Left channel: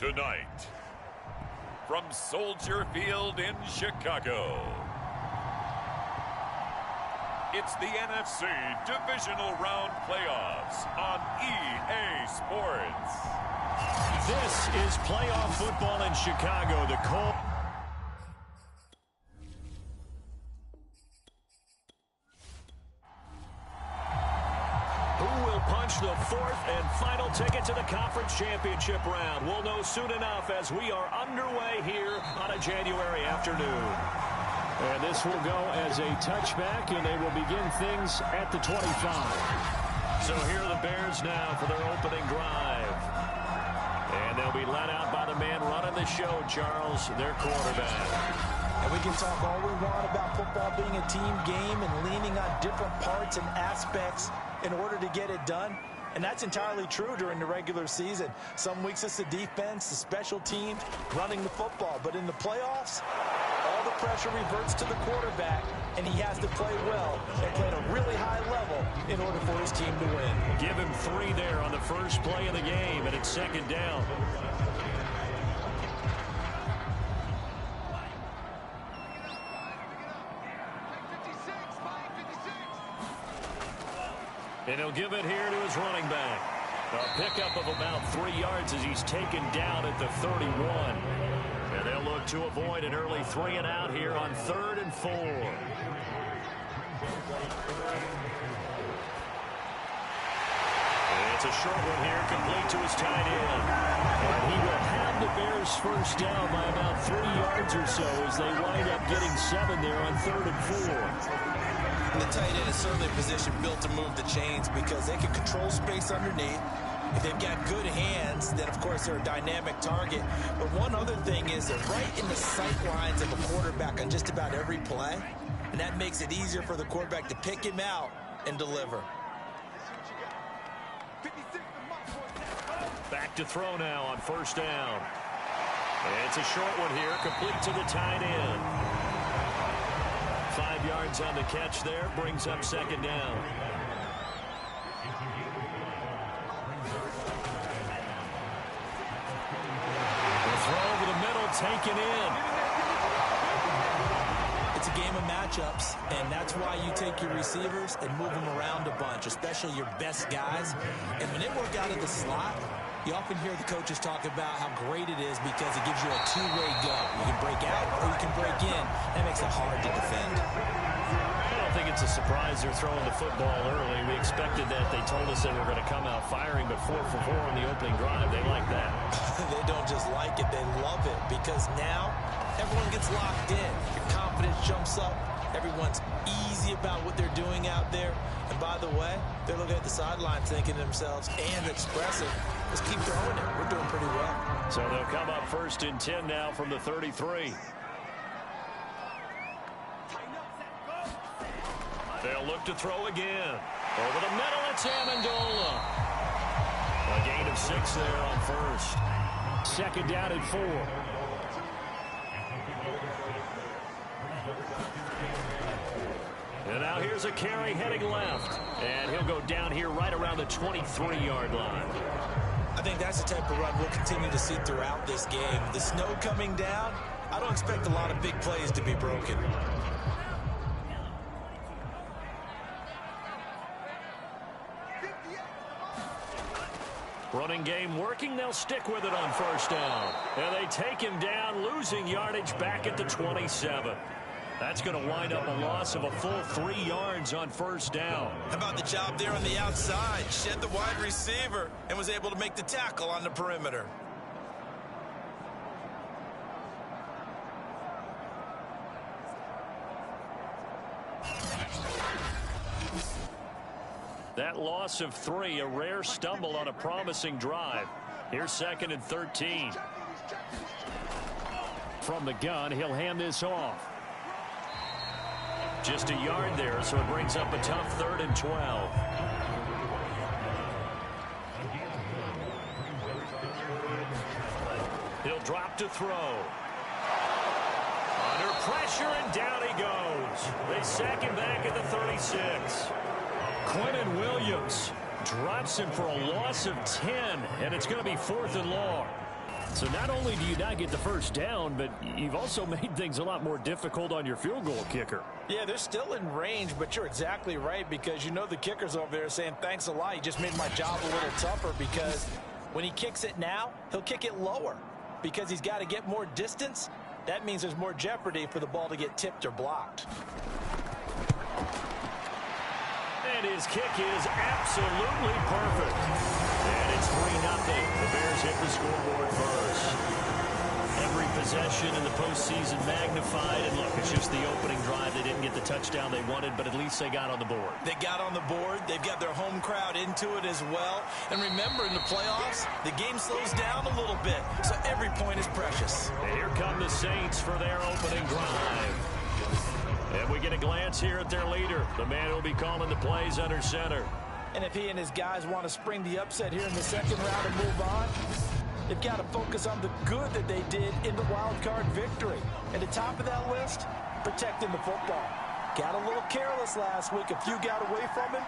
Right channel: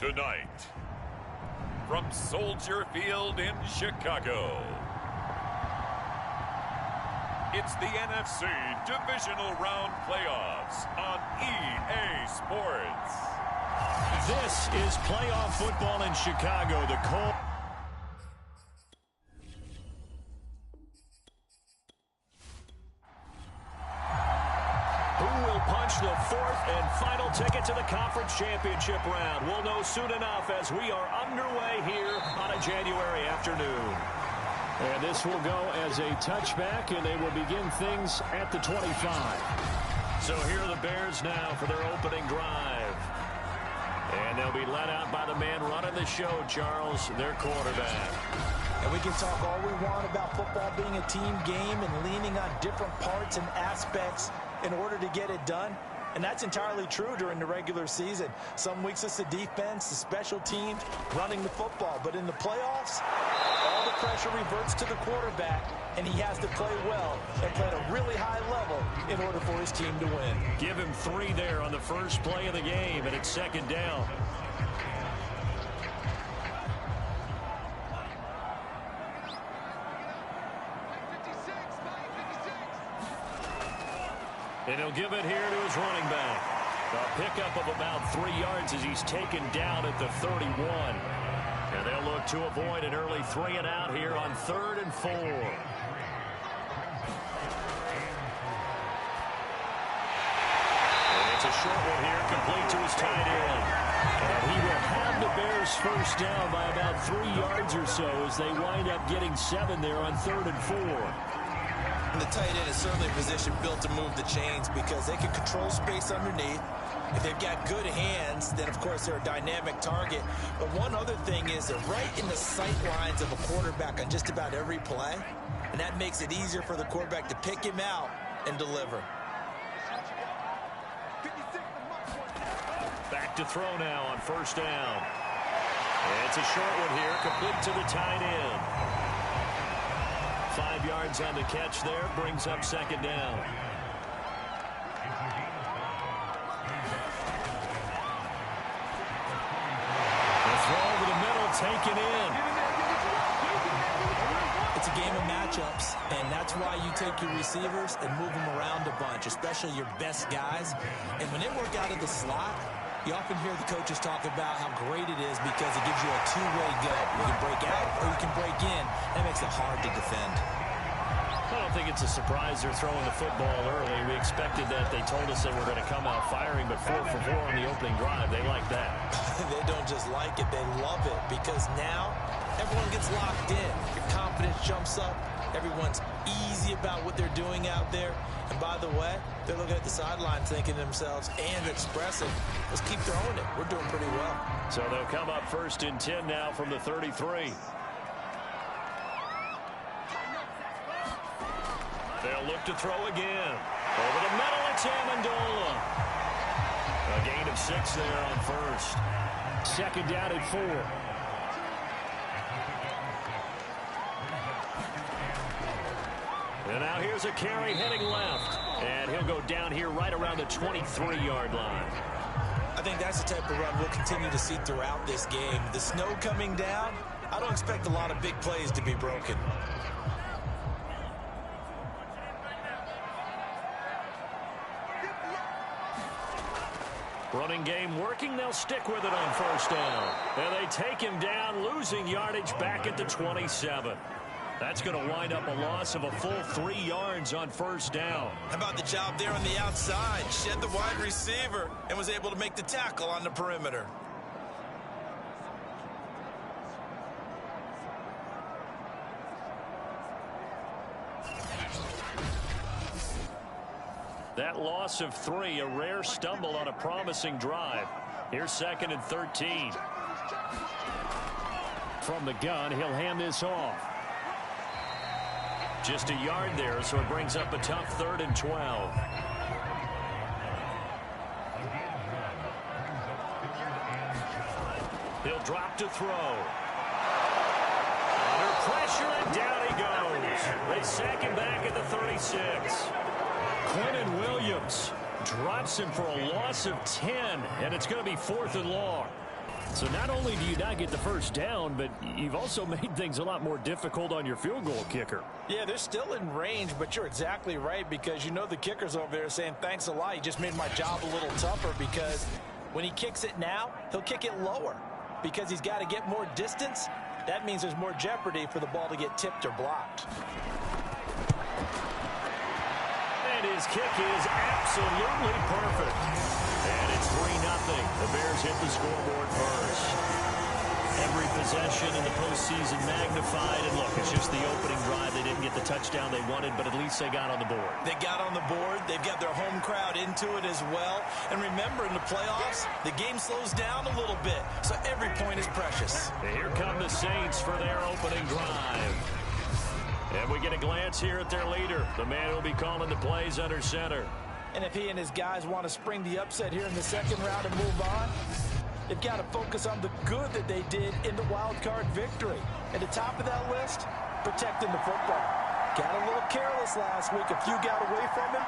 Tonight, from Soldier Field in Chicago, it's the NFC Divisional Round Playoffs on EA Sports. This is playoff football in Chicago. The Colts. Who will punch the fourth and final ticket to the conference championship round? We'll know soon enough as we are underway here on a January afternoon. And this will go as a touchback, and they will begin things at the 25. So here are the Bears now for their opening drive. And they'll be led out by the man running the show, Charles, their quarterback. And we can talk all we want about football being a team game and leaning on different parts and aspects in order to get it done. And that's entirely true during the regular season. Some weeks it's the defense, the special teams, running the football. But in the playoffs, all the pressure reverts to the quarterback, and he has to play well and play at a really high level in order for his team to win. Give him 3 there on the first play of the game, and it's second down. And he'll give it here to his running back. A pickup of about 3 yards as he's taken down at the 31. And they'll look to avoid an early 3 and out here on 3rd and 4. And it's a short one here, complete to his tight end. And he will have the Bears first down by about 3 yards or so as they wind up getting 7 there on 3rd and 4. And the tight end is certainly a position built to move the chains because they can control space underneath. If they've got good hands, then, of course, they're a dynamic target. But one other thing is they're right in the sight lines of a quarterback on just about every play. And that makes it easier for the quarterback to pick him out and deliver. Back to throw now on first down. It's a short one here, complete to the tight end. 5 yards on the catch there, brings up second down. The throw over the middle, taken in. It's a game of matchups, and that's why you take your receivers and move them around a bunch, especially your best guys. And when they work out of the slot, you often hear the coaches talk about how great it is because it gives you a two-way go. You can break out or you can break in. That makes it hard to defend. I don't think it's a surprise they're throwing the football early. We expected that. They told us they were going to come out firing, but 4 for 4 on the opening drive. They like that. They don't just like it, they love it because now everyone gets locked in. Your confidence jumps up. Everyone's easy about what they're doing out there. And by the way, they're looking at the sideline thinking to themselves and expressing, let's keep throwing it. We're doing pretty well. So they'll come up 1st and 10 now from the 33. They'll look to throw again. Over the middle, it's Amendola. A gain of 6 there on first. Second down at 4. And now here's a carry heading left. And he'll go down here right around the 23-yard line. I think that's the type of run we'll continue to see throughout this game. The snow coming down, I don't expect a lot of big plays to be broken. Running game working. They'll stick with it on first down. And they take him down, losing yardage back at the 27. That's going to wind up a loss of a full 3 yards on first down. How about the job there on the outside? Shed the wide receiver and was able to make the tackle on the perimeter. That loss of 3, a rare stumble on a promising drive. Here's 2nd and 13. From the gun, he'll hand this off. Just a yard there, so it brings up a tough 3rd and 12. He'll drop to throw. Under pressure, and down he goes. They sack him back at the 36. Quentin Williams drops him for a loss of 10, and it's going to be 4th and long. So not only do you not get the first down, but you've also made things a lot more difficult on your field goal kicker. Yeah, they're still in range, but you're exactly right, because you know the kicker's over there saying, thanks a lot. You just made my job a little tougher, because when he kicks it now, he'll kick it lower because he's got to get more distance. That means there's more jeopardy for the ball to get tipped or blocked. And his kick is absolutely perfect. And it's 3-0. The Bears hit the scoreboard first. Every possession in the postseason magnified. And look, it's just the opening drive. They didn't get the touchdown they wanted, but at least they got on the board. They got on the board. They've got their home crowd into it as well. And remember, in the playoffs, the game slows down a little bit, so every point is precious. And here come the Saints for their opening drive. And we get a glance here at their leader, the man who'll be calling the plays under center. And if he and his guys want to spring the upset here in the second round and move on, they've got to focus on the good that they did in the wild card victory. At the top of that list, protecting the football. Got a little careless last week. A few got away from him.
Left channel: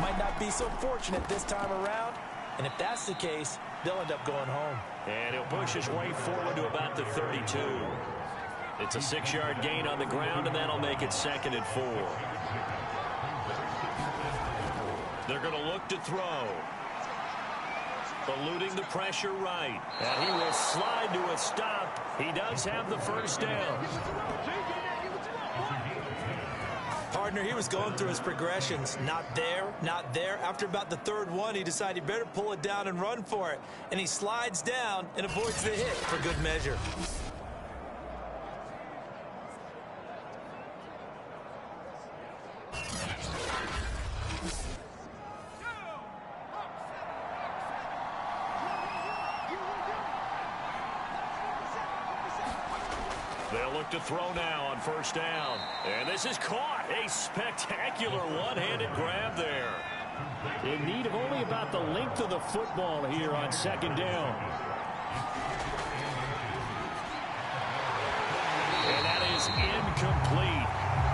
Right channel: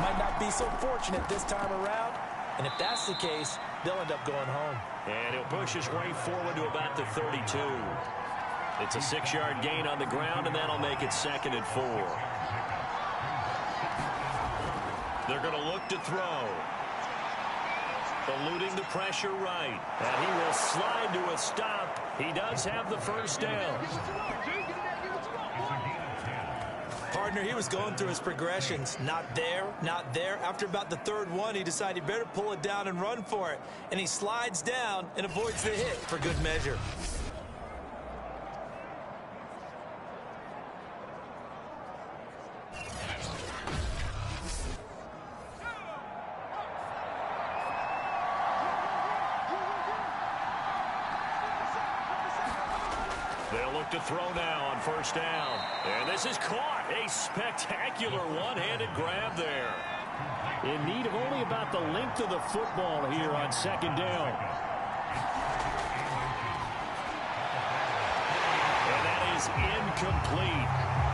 Might not be so fortunate this time around. And if that's the case, they'll end up going home. And he'll push his way forward to about the 32. It's a 6-yard gain on the ground, and that'll make it 2nd and 4. They're going to look to throw. Eluding the pressure right. And he will slide to a stop. He does have the first down. Partner, he was going through his progressions. Not there, not there. After about the third one, he decided he better pull it down and run for it. And he slides down and avoids the hit for good measure. They'll look to throw now on first down. And this is caught. A spectacular one-handed grab there. In need of only about the length of the football here on 2nd down. And that is incomplete.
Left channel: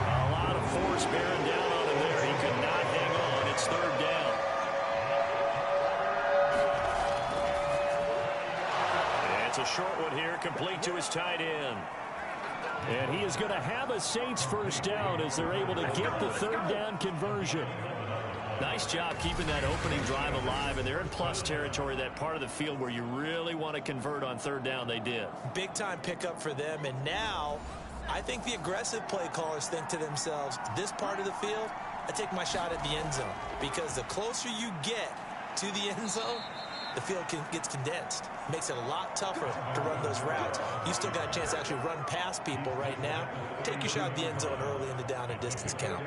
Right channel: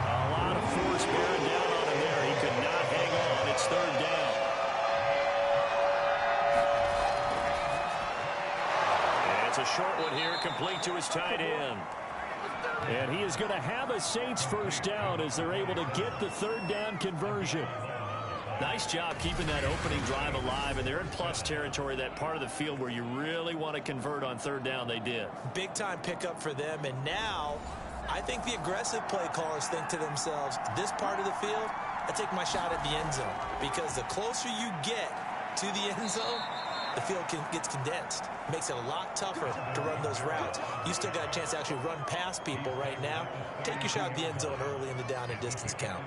A lot of force bearing down on him there. He could not hang on. It's 3rd down. And it's a short one here, complete to his tight end. And he is going to have a Saints first down as they're able to get the 3rd down conversion. Nice job keeping that opening drive alive, and they're in plus territory, that part of the field where you really want to convert on 3rd down. They did. Big time pickup for them, and now I think the aggressive play callers think to themselves, this part of the field, I take my shot at the end zone, because the closer you get to the end zone, the field gets condensed. Makes it a lot tougher to run those routes. You still got a chance to actually run past people right now. Take your shot at the end zone early in the down and distance count.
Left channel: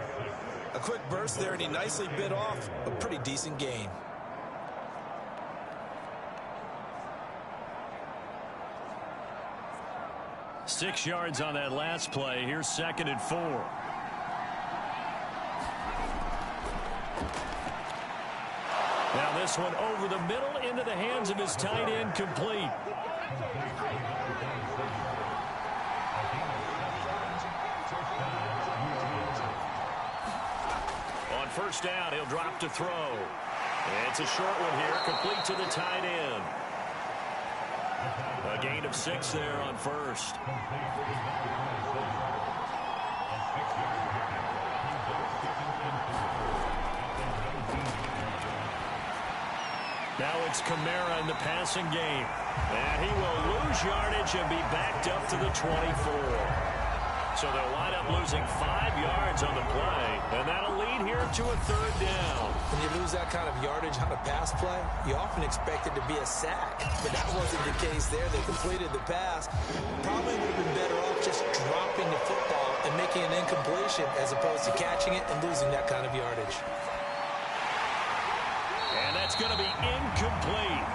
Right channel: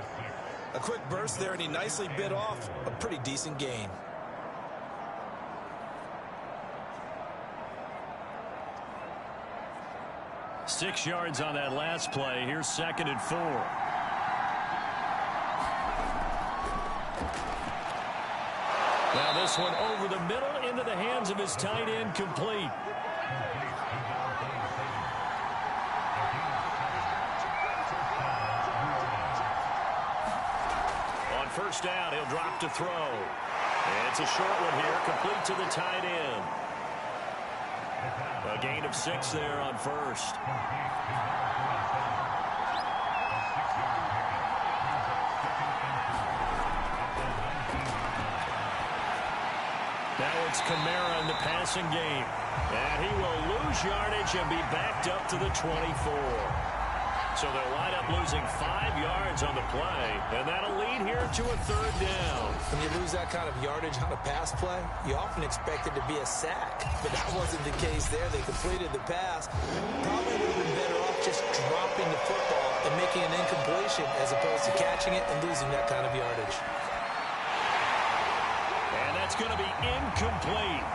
A quick burst there, and he nicely bit off a pretty decent gain. Six yards on that last play. Here's 2nd and 4. Now this one over the middle into the hands of his tight end, complete. On first down, he'll drop to throw. It's a short one here, complete to the tight end. A gain of 6 there on first. Now it's Kamara in the passing game. And he will lose yardage and be backed up to the 24. So they'll wind up losing 5 yards on the play, and that'll lead here to a 3rd down. When you lose that kind of yardage on a pass play, you often expect it to be a sack. But that wasn't the case there. They completed the pass. Probably would have been better off just dropping the football and making an incompletion as opposed to catching it and losing that kind of yardage. And that's going to be incomplete.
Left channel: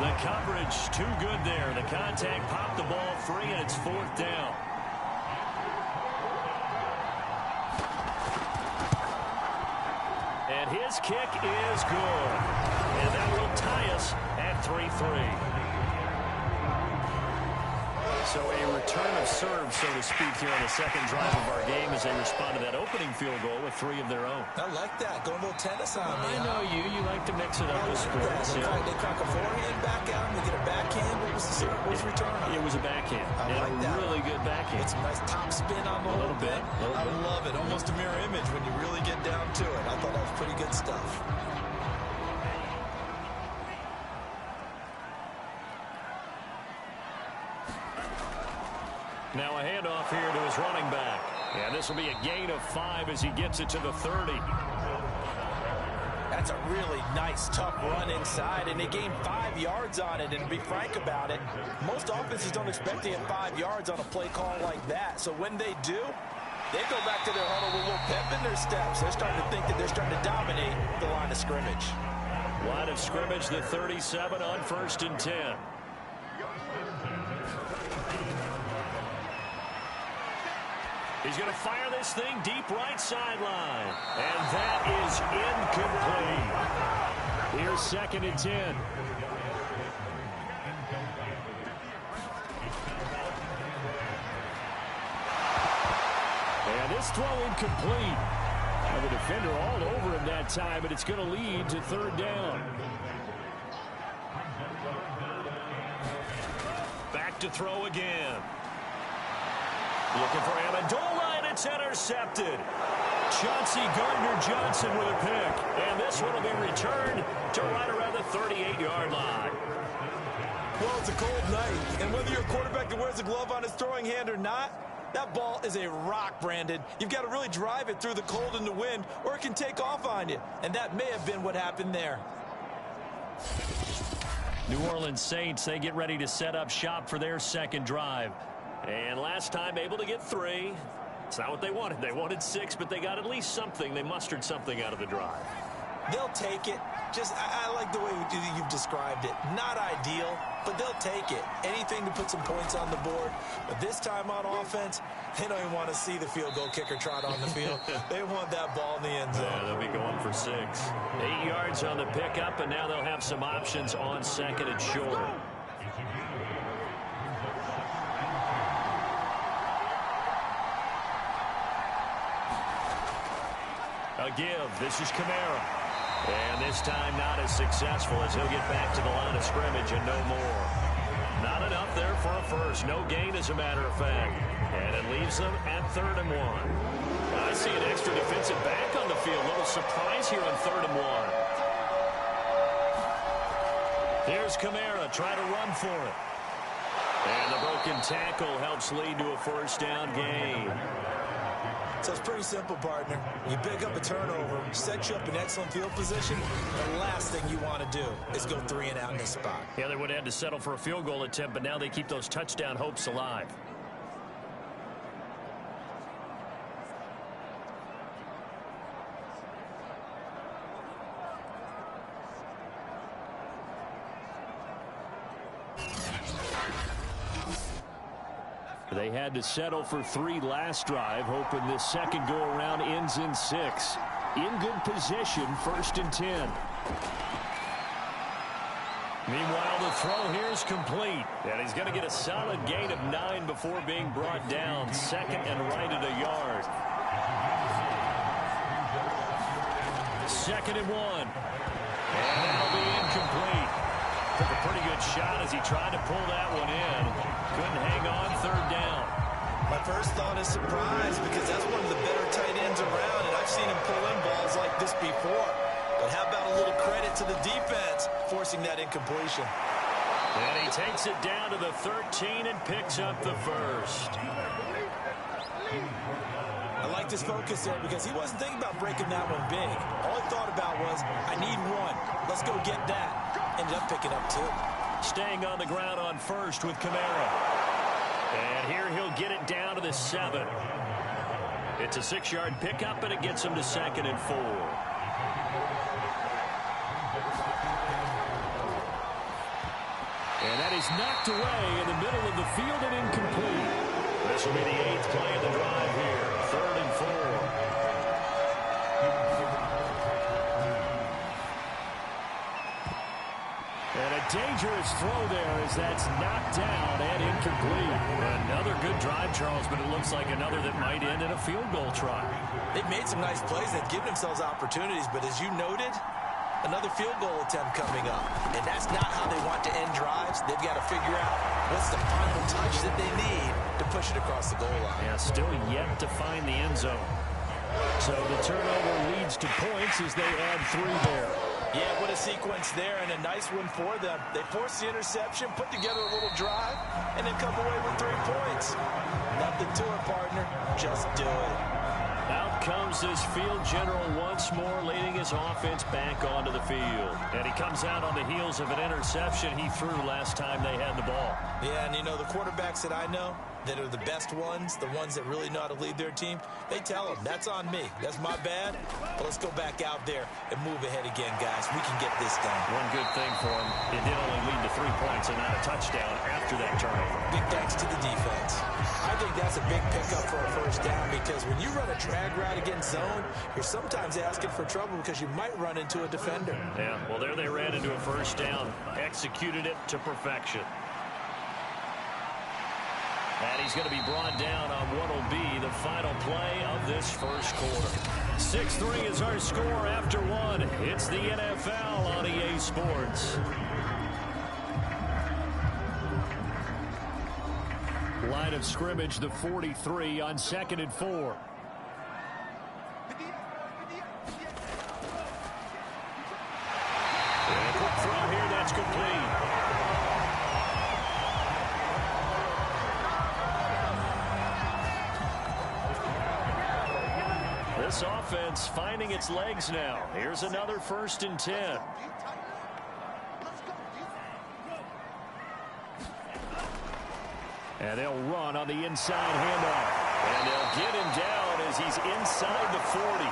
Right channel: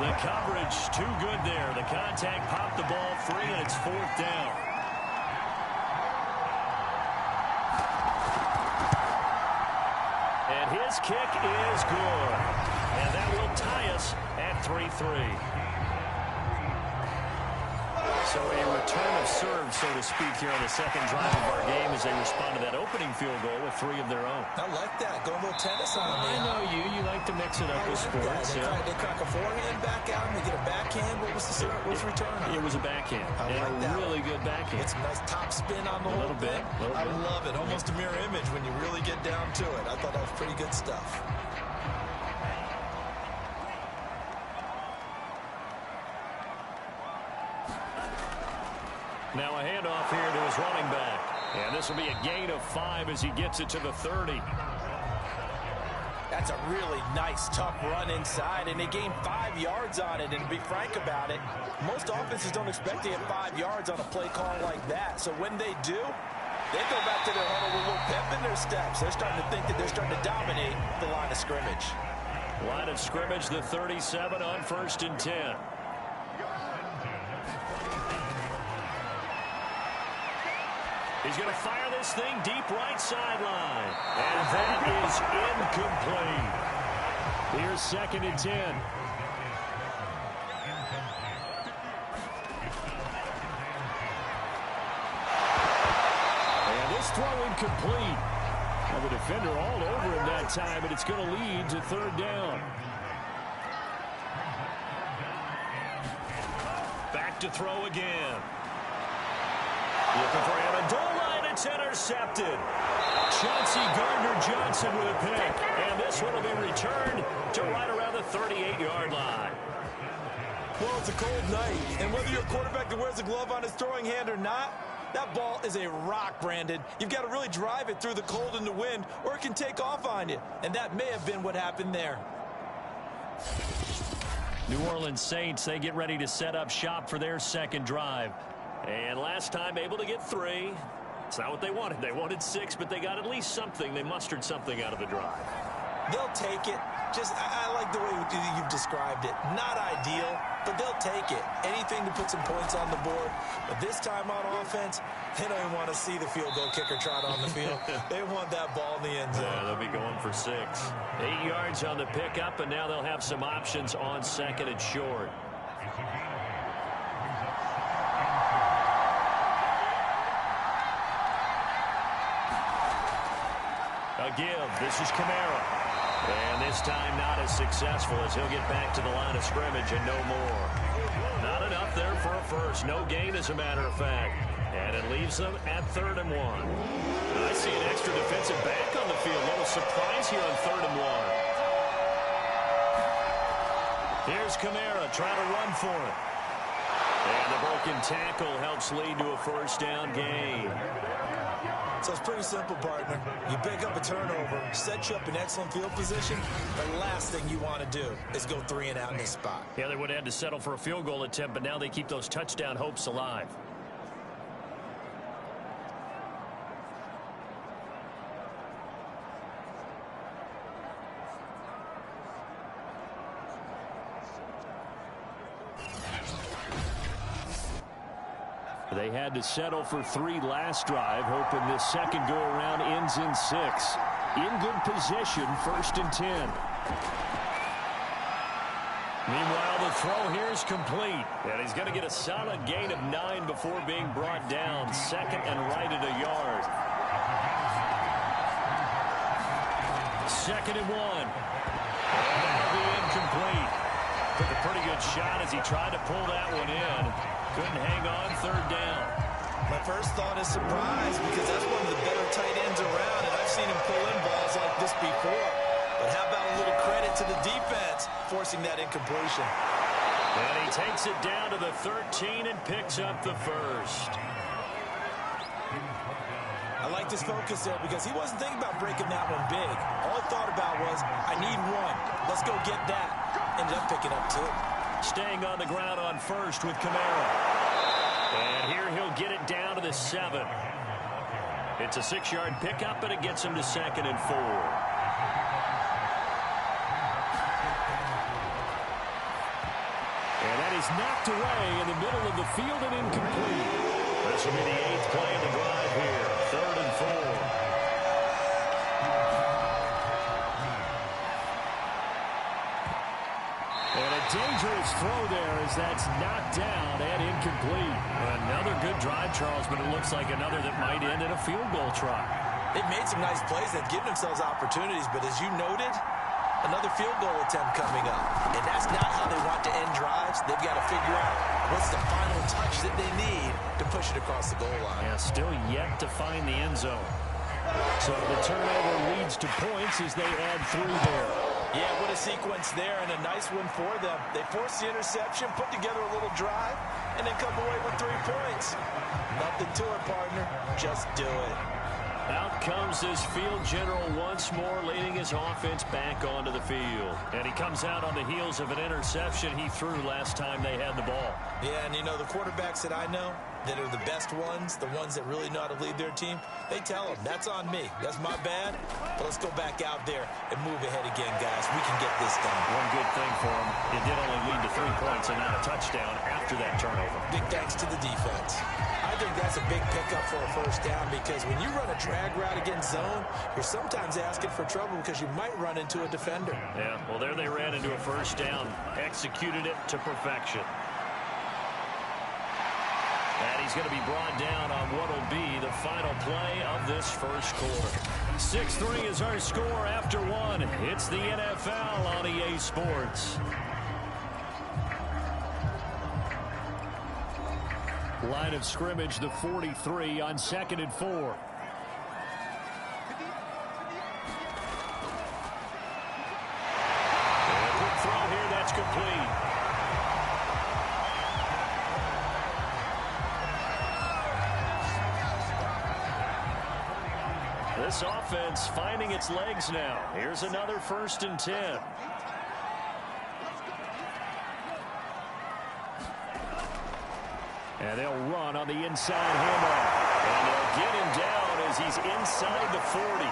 The coverage too good there. The contact popped the ball free, and it's 4th down. And his kick is good. And that will tie us at 3-3. So a return of serve, so to speak, here on the second drive of our game as they respond to that opening field goal with 3 of their own. I like that. Going a little tennis on me. I know you. You like to mix it up with sports. They crack a forehand back out and they get a backhand. What was the serve? What was the return on? It was a backhand. I like that. Really good backhand. It's a nice top spin on the whole thing. I love it. Almost a mirror image when you really get down to it. I thought that was pretty good stuff. Now a handoff here to his running back. And this will be a gain of 5 as he gets it to the 30. That's a really nice, tough run inside, and they gained 5 yards on it. And to be frank about it, most offenses don't expect to get 5 yards on a play call like that. So when they do, they go back to their huddle with a little pep in their steps. They're starting to think that they're starting to dominate the line of scrimmage. Line of scrimmage, the 37 on 1st and 10. He's going to fire this thing deep right sideline. And that is incomplete. Here's 2nd and 10. And this throw incomplete. Well, the defender all over him that time, and it's going to lead to 3rd down. Back to throw again. Looking for Amendola, and it's intercepted. Chauncey Gardner-Johnson with a pick. And this one will be returned to right around the 38-yard line. Well, it's a cold night, and whether you're a quarterback that wears a glove on his throwing hand or not, that ball is a rock, Brandon. You've got to really drive it through the cold and the wind, or it can take off on you. And that may have been what happened there. New Orleans Saints, they get ready to set up shop for their second drive. And last time able to get 3. It's not what they wanted. They wanted 6, but they got at least something. They mustered something out of the drive. They'll take it. I like the way you've described it. Not ideal, but they'll take it. Anything to put some points on the board. But this time on offense, they don't even want to see the field goal kicker trot on the field. They want that ball in the end zone. Yeah, they'll be going for 6. 8 yards on the pickup, and now they'll have some options on 2nd and short. A give. This is Kamara. And this time not as successful as he'll get back to the line of scrimmage and no more. Not enough there for a first. No gain, as a matter of fact. And it leaves them at 3rd and 1. I see an extra defensive back on the field. Little surprise here on 3rd and 1. Here's Kamara trying to run for it. And the broken tackle helps lead to a 1st down gain. So it's pretty simple, partner. You pick up a turnover, set you up in excellent field position. The last thing you want to do is go 3 and out in this spot. Yeah, they would have had to settle for a field goal attempt, but now they keep those touchdown hopes alive. They had to settle for 3 last drive, hoping this second go-around ends in 6. In good position, 1st and 10. Meanwhile, the throw here is complete. And he's going to get a solid gain of 9 before being brought down. 2nd and right at a yard. 2nd and 1. And that'll be incomplete. Took a pretty good shot as he tried to pull that one in. Couldn't hang on, 3rd down. My first thought is surprise, because that's one of the better tight ends around, and I've seen him pull in balls like this before. But how about a little credit to the defense forcing that incompletion? And he takes it down to the 13 and picks up the 1st. I like his focus there because he wasn't thinking about breaking that one big. All he thought about was, I need 1. Let's go get that. Ended up picking up 2. Staying on the ground on 1st with Kamara. And here he'll get it down to the 7. It's a 6-yard pickup, and it gets him to 2nd and 4. And that is knocked away in the middle of the field and incomplete. This will be the 8th play of the drive here. 3rd and 4. And a dangerous throw there as that's knocked down and incomplete. Another good drive, Charles, but it looks like another that might end in a field goal try. They've made some nice plays. They've given themselves opportunities, but as you noted, another field goal attempt coming up. And that's not how they want to end drives. They've got to figure out what's the final touch that they need to push it across the goal line. Yeah, still yet to find the end zone. So the turnover leads to points as they add 3 there. Yeah, what a sequence there, and a nice one for them. They force the interception, put together a little drive, and then come away with 3 points. Nothing to it, partner. Just do it. Out comes this field general once more, leading his offense back onto the field. And he comes out on the heels of an interception he threw last time they had the ball. Yeah, and you know, the quarterbacks that I know that are the best ones, the ones that really know how to lead their team, they tell them, that's on me. That's my bad. But let's go back out there and move ahead again, guys. We can get this done. One good thing for him, it did only lead to 3 points and not a touchdown after that turnover. Big thanks to the defense. I think that's a big pickup for a first down because when you run a drag route against zone, you're sometimes asking for trouble because you might run into a defender. Yeah, well, there they ran into a first down, executed it to perfection. And he's going to be brought down on what will be the final play of this first quarter. 6-3 is our score after 1. It's the NFL on EA Sports. Line of scrimmage, the 43 on 2nd and 4. And a quick throw here, that's complete. This offense finding its legs now. Here's another 1st and 10. And they'll run on the inside handoff. And they'll get him down as he's inside the 40.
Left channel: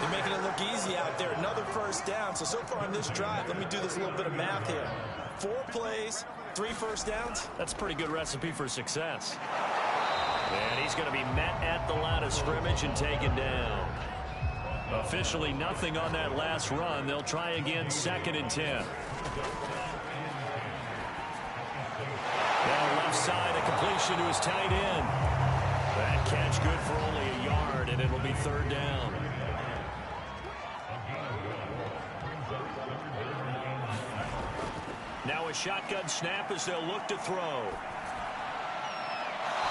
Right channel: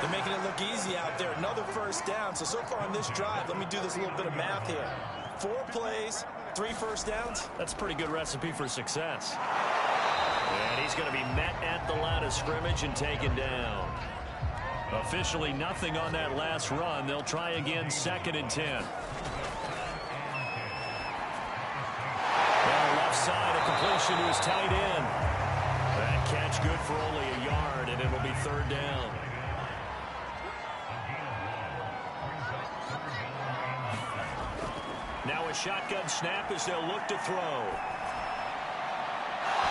They're making it look easy out there. Another first down. So far on this drive, let me do this little bit of math here. 4 plays, 3 first downs. That's a pretty good recipe for success. And he's going to be met at the line of scrimmage and taken down. Officially nothing on that last run. They'll try again 2nd and 10. Now left side, a completion to his tight end. That catch good for only a yard, and it'll be 3rd down. Now a shotgun snap as they'll look to throw.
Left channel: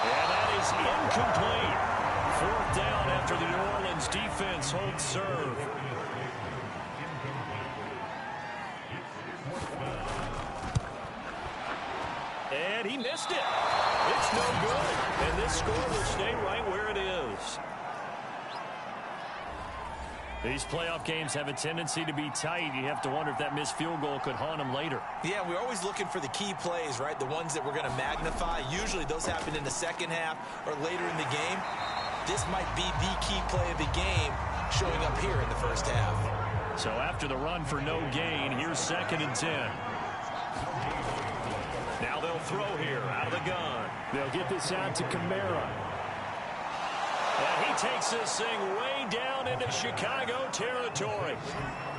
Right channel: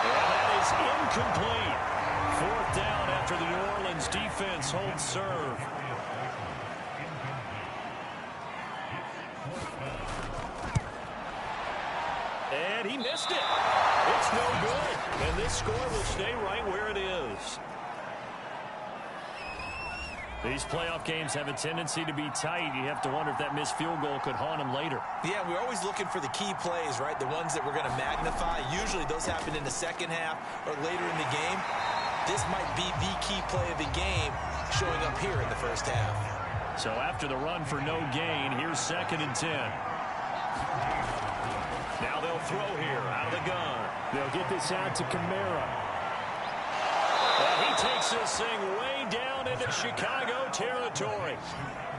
And that is incomplete. 4th down after the New Orleans defense holds serve. And he missed it. It's no good. And this score will stay right where it is. These playoff games have a tendency to be tight. You have to wonder if that missed field goal could haunt them later. Yeah, we're always looking for the key plays, right? The ones that we're going to magnify. Usually those happen in the second half or later in the game. This might be the key play of the game showing up here in the first half. So after the run for no gain, here's 2nd and 10. Now they'll throw here out of the gun. They'll get this out to Kamara. And he takes this thing way down into Chicago territory.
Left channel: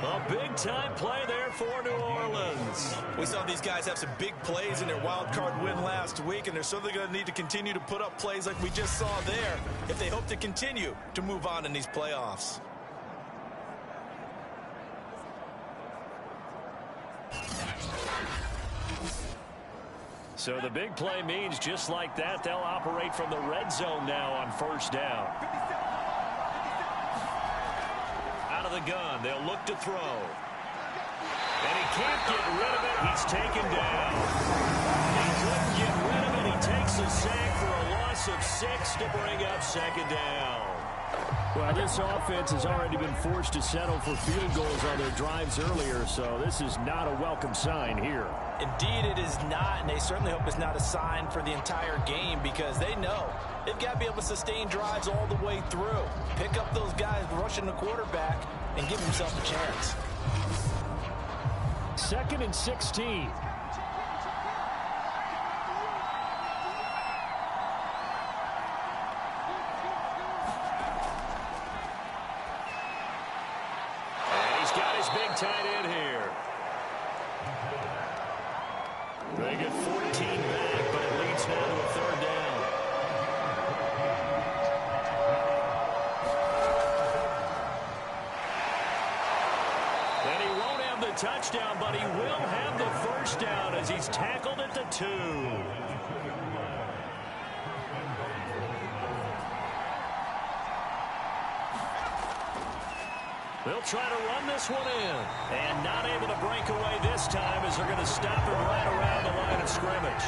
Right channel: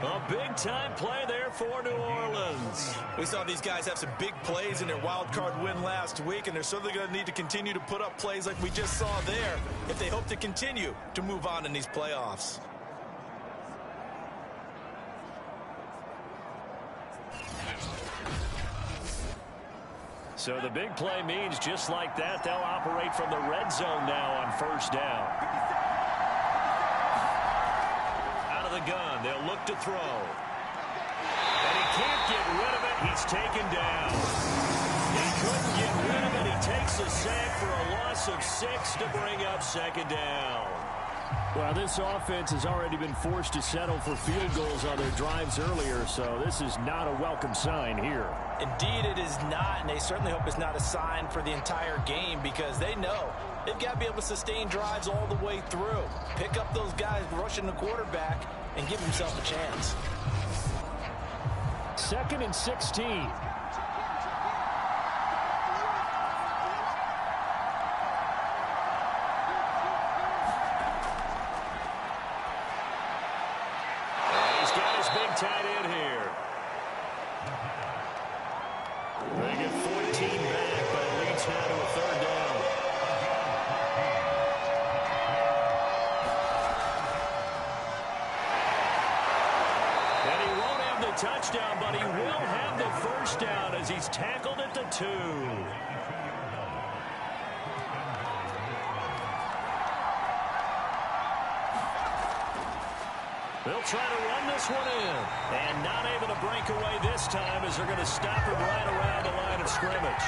A big-time play there for New Orleans. We saw these guys have some big plays in their wild card win last week, and they're certainly going to need to continue to put up plays like we just saw there if they hope to continue to move on in these playoffs. So the big play means just like that, they'll operate from the red zone now on 1st down. Out of the gun, they'll look to throw. And he can't get rid of it. He's taken down. He couldn't get rid of it. He takes a sack for a loss of 6 to bring up 2nd down. Well, this offense has already been forced to settle for field goals on their drives earlier, so this is not a welcome sign here. Indeed, it is not, and they certainly hope it's not a sign for the entire game because they know they've got to be able to sustain drives all the way through. Pick up those guys rushing the quarterback and give himself a chance. 2nd and 16. It's big tight end here. They get 14 back, but it leads now to a third down. And he won't have the touchdown, but he will have the first down as he's tackled at the 2. They'll try to run this one in. And not able to break away this time as they're going to stop him right around the line of scrimmage.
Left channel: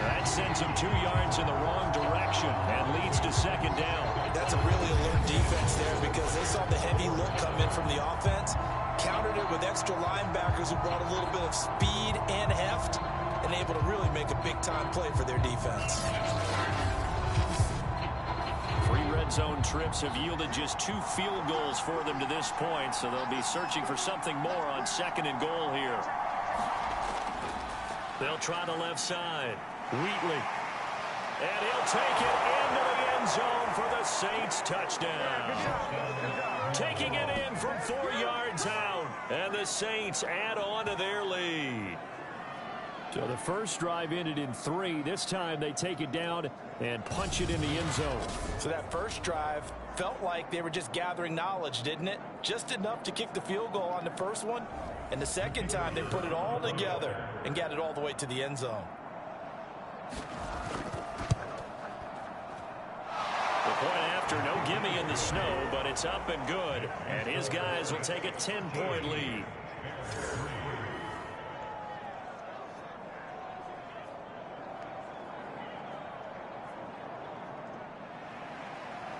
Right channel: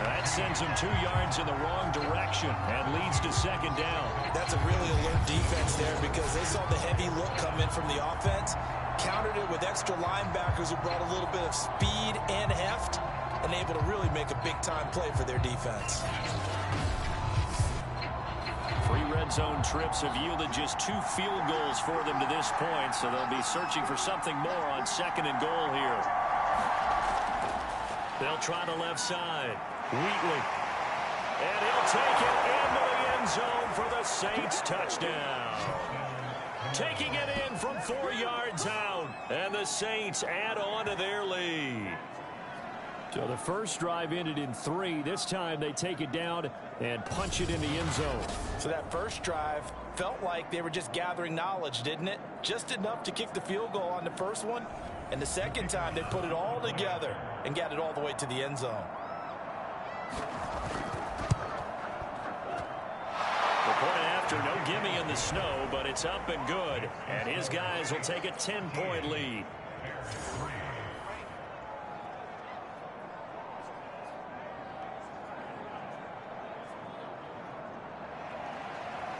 That sends him 2 yards in the wrong direction and leads to second down. That's a really alert defense there because they saw the heavy look come in from the offense, countered it with extra linebackers who brought a little bit of speed and heft, and able to really make a big-time play for their defense. 3 red zone trips have yielded just 2 field goals for them to this point, so they'll be searching for something more on second and goal here. They'll try the left side. Wheatley. And he'll take it into the end zone for the Saints touchdown. Taking it in from 4 yards out, and the Saints add on to their lead. So the first drive ended in 3. This time they take it down and punch it in the end zone. So that first drive felt like they were just gathering knowledge, didn't it? Just enough to kick the field goal on the first one. And the second time they put it all together and got it all the way to the end zone. The point after, no gimme in the snow, but it's up and good. And his guys will take a 10-point lead.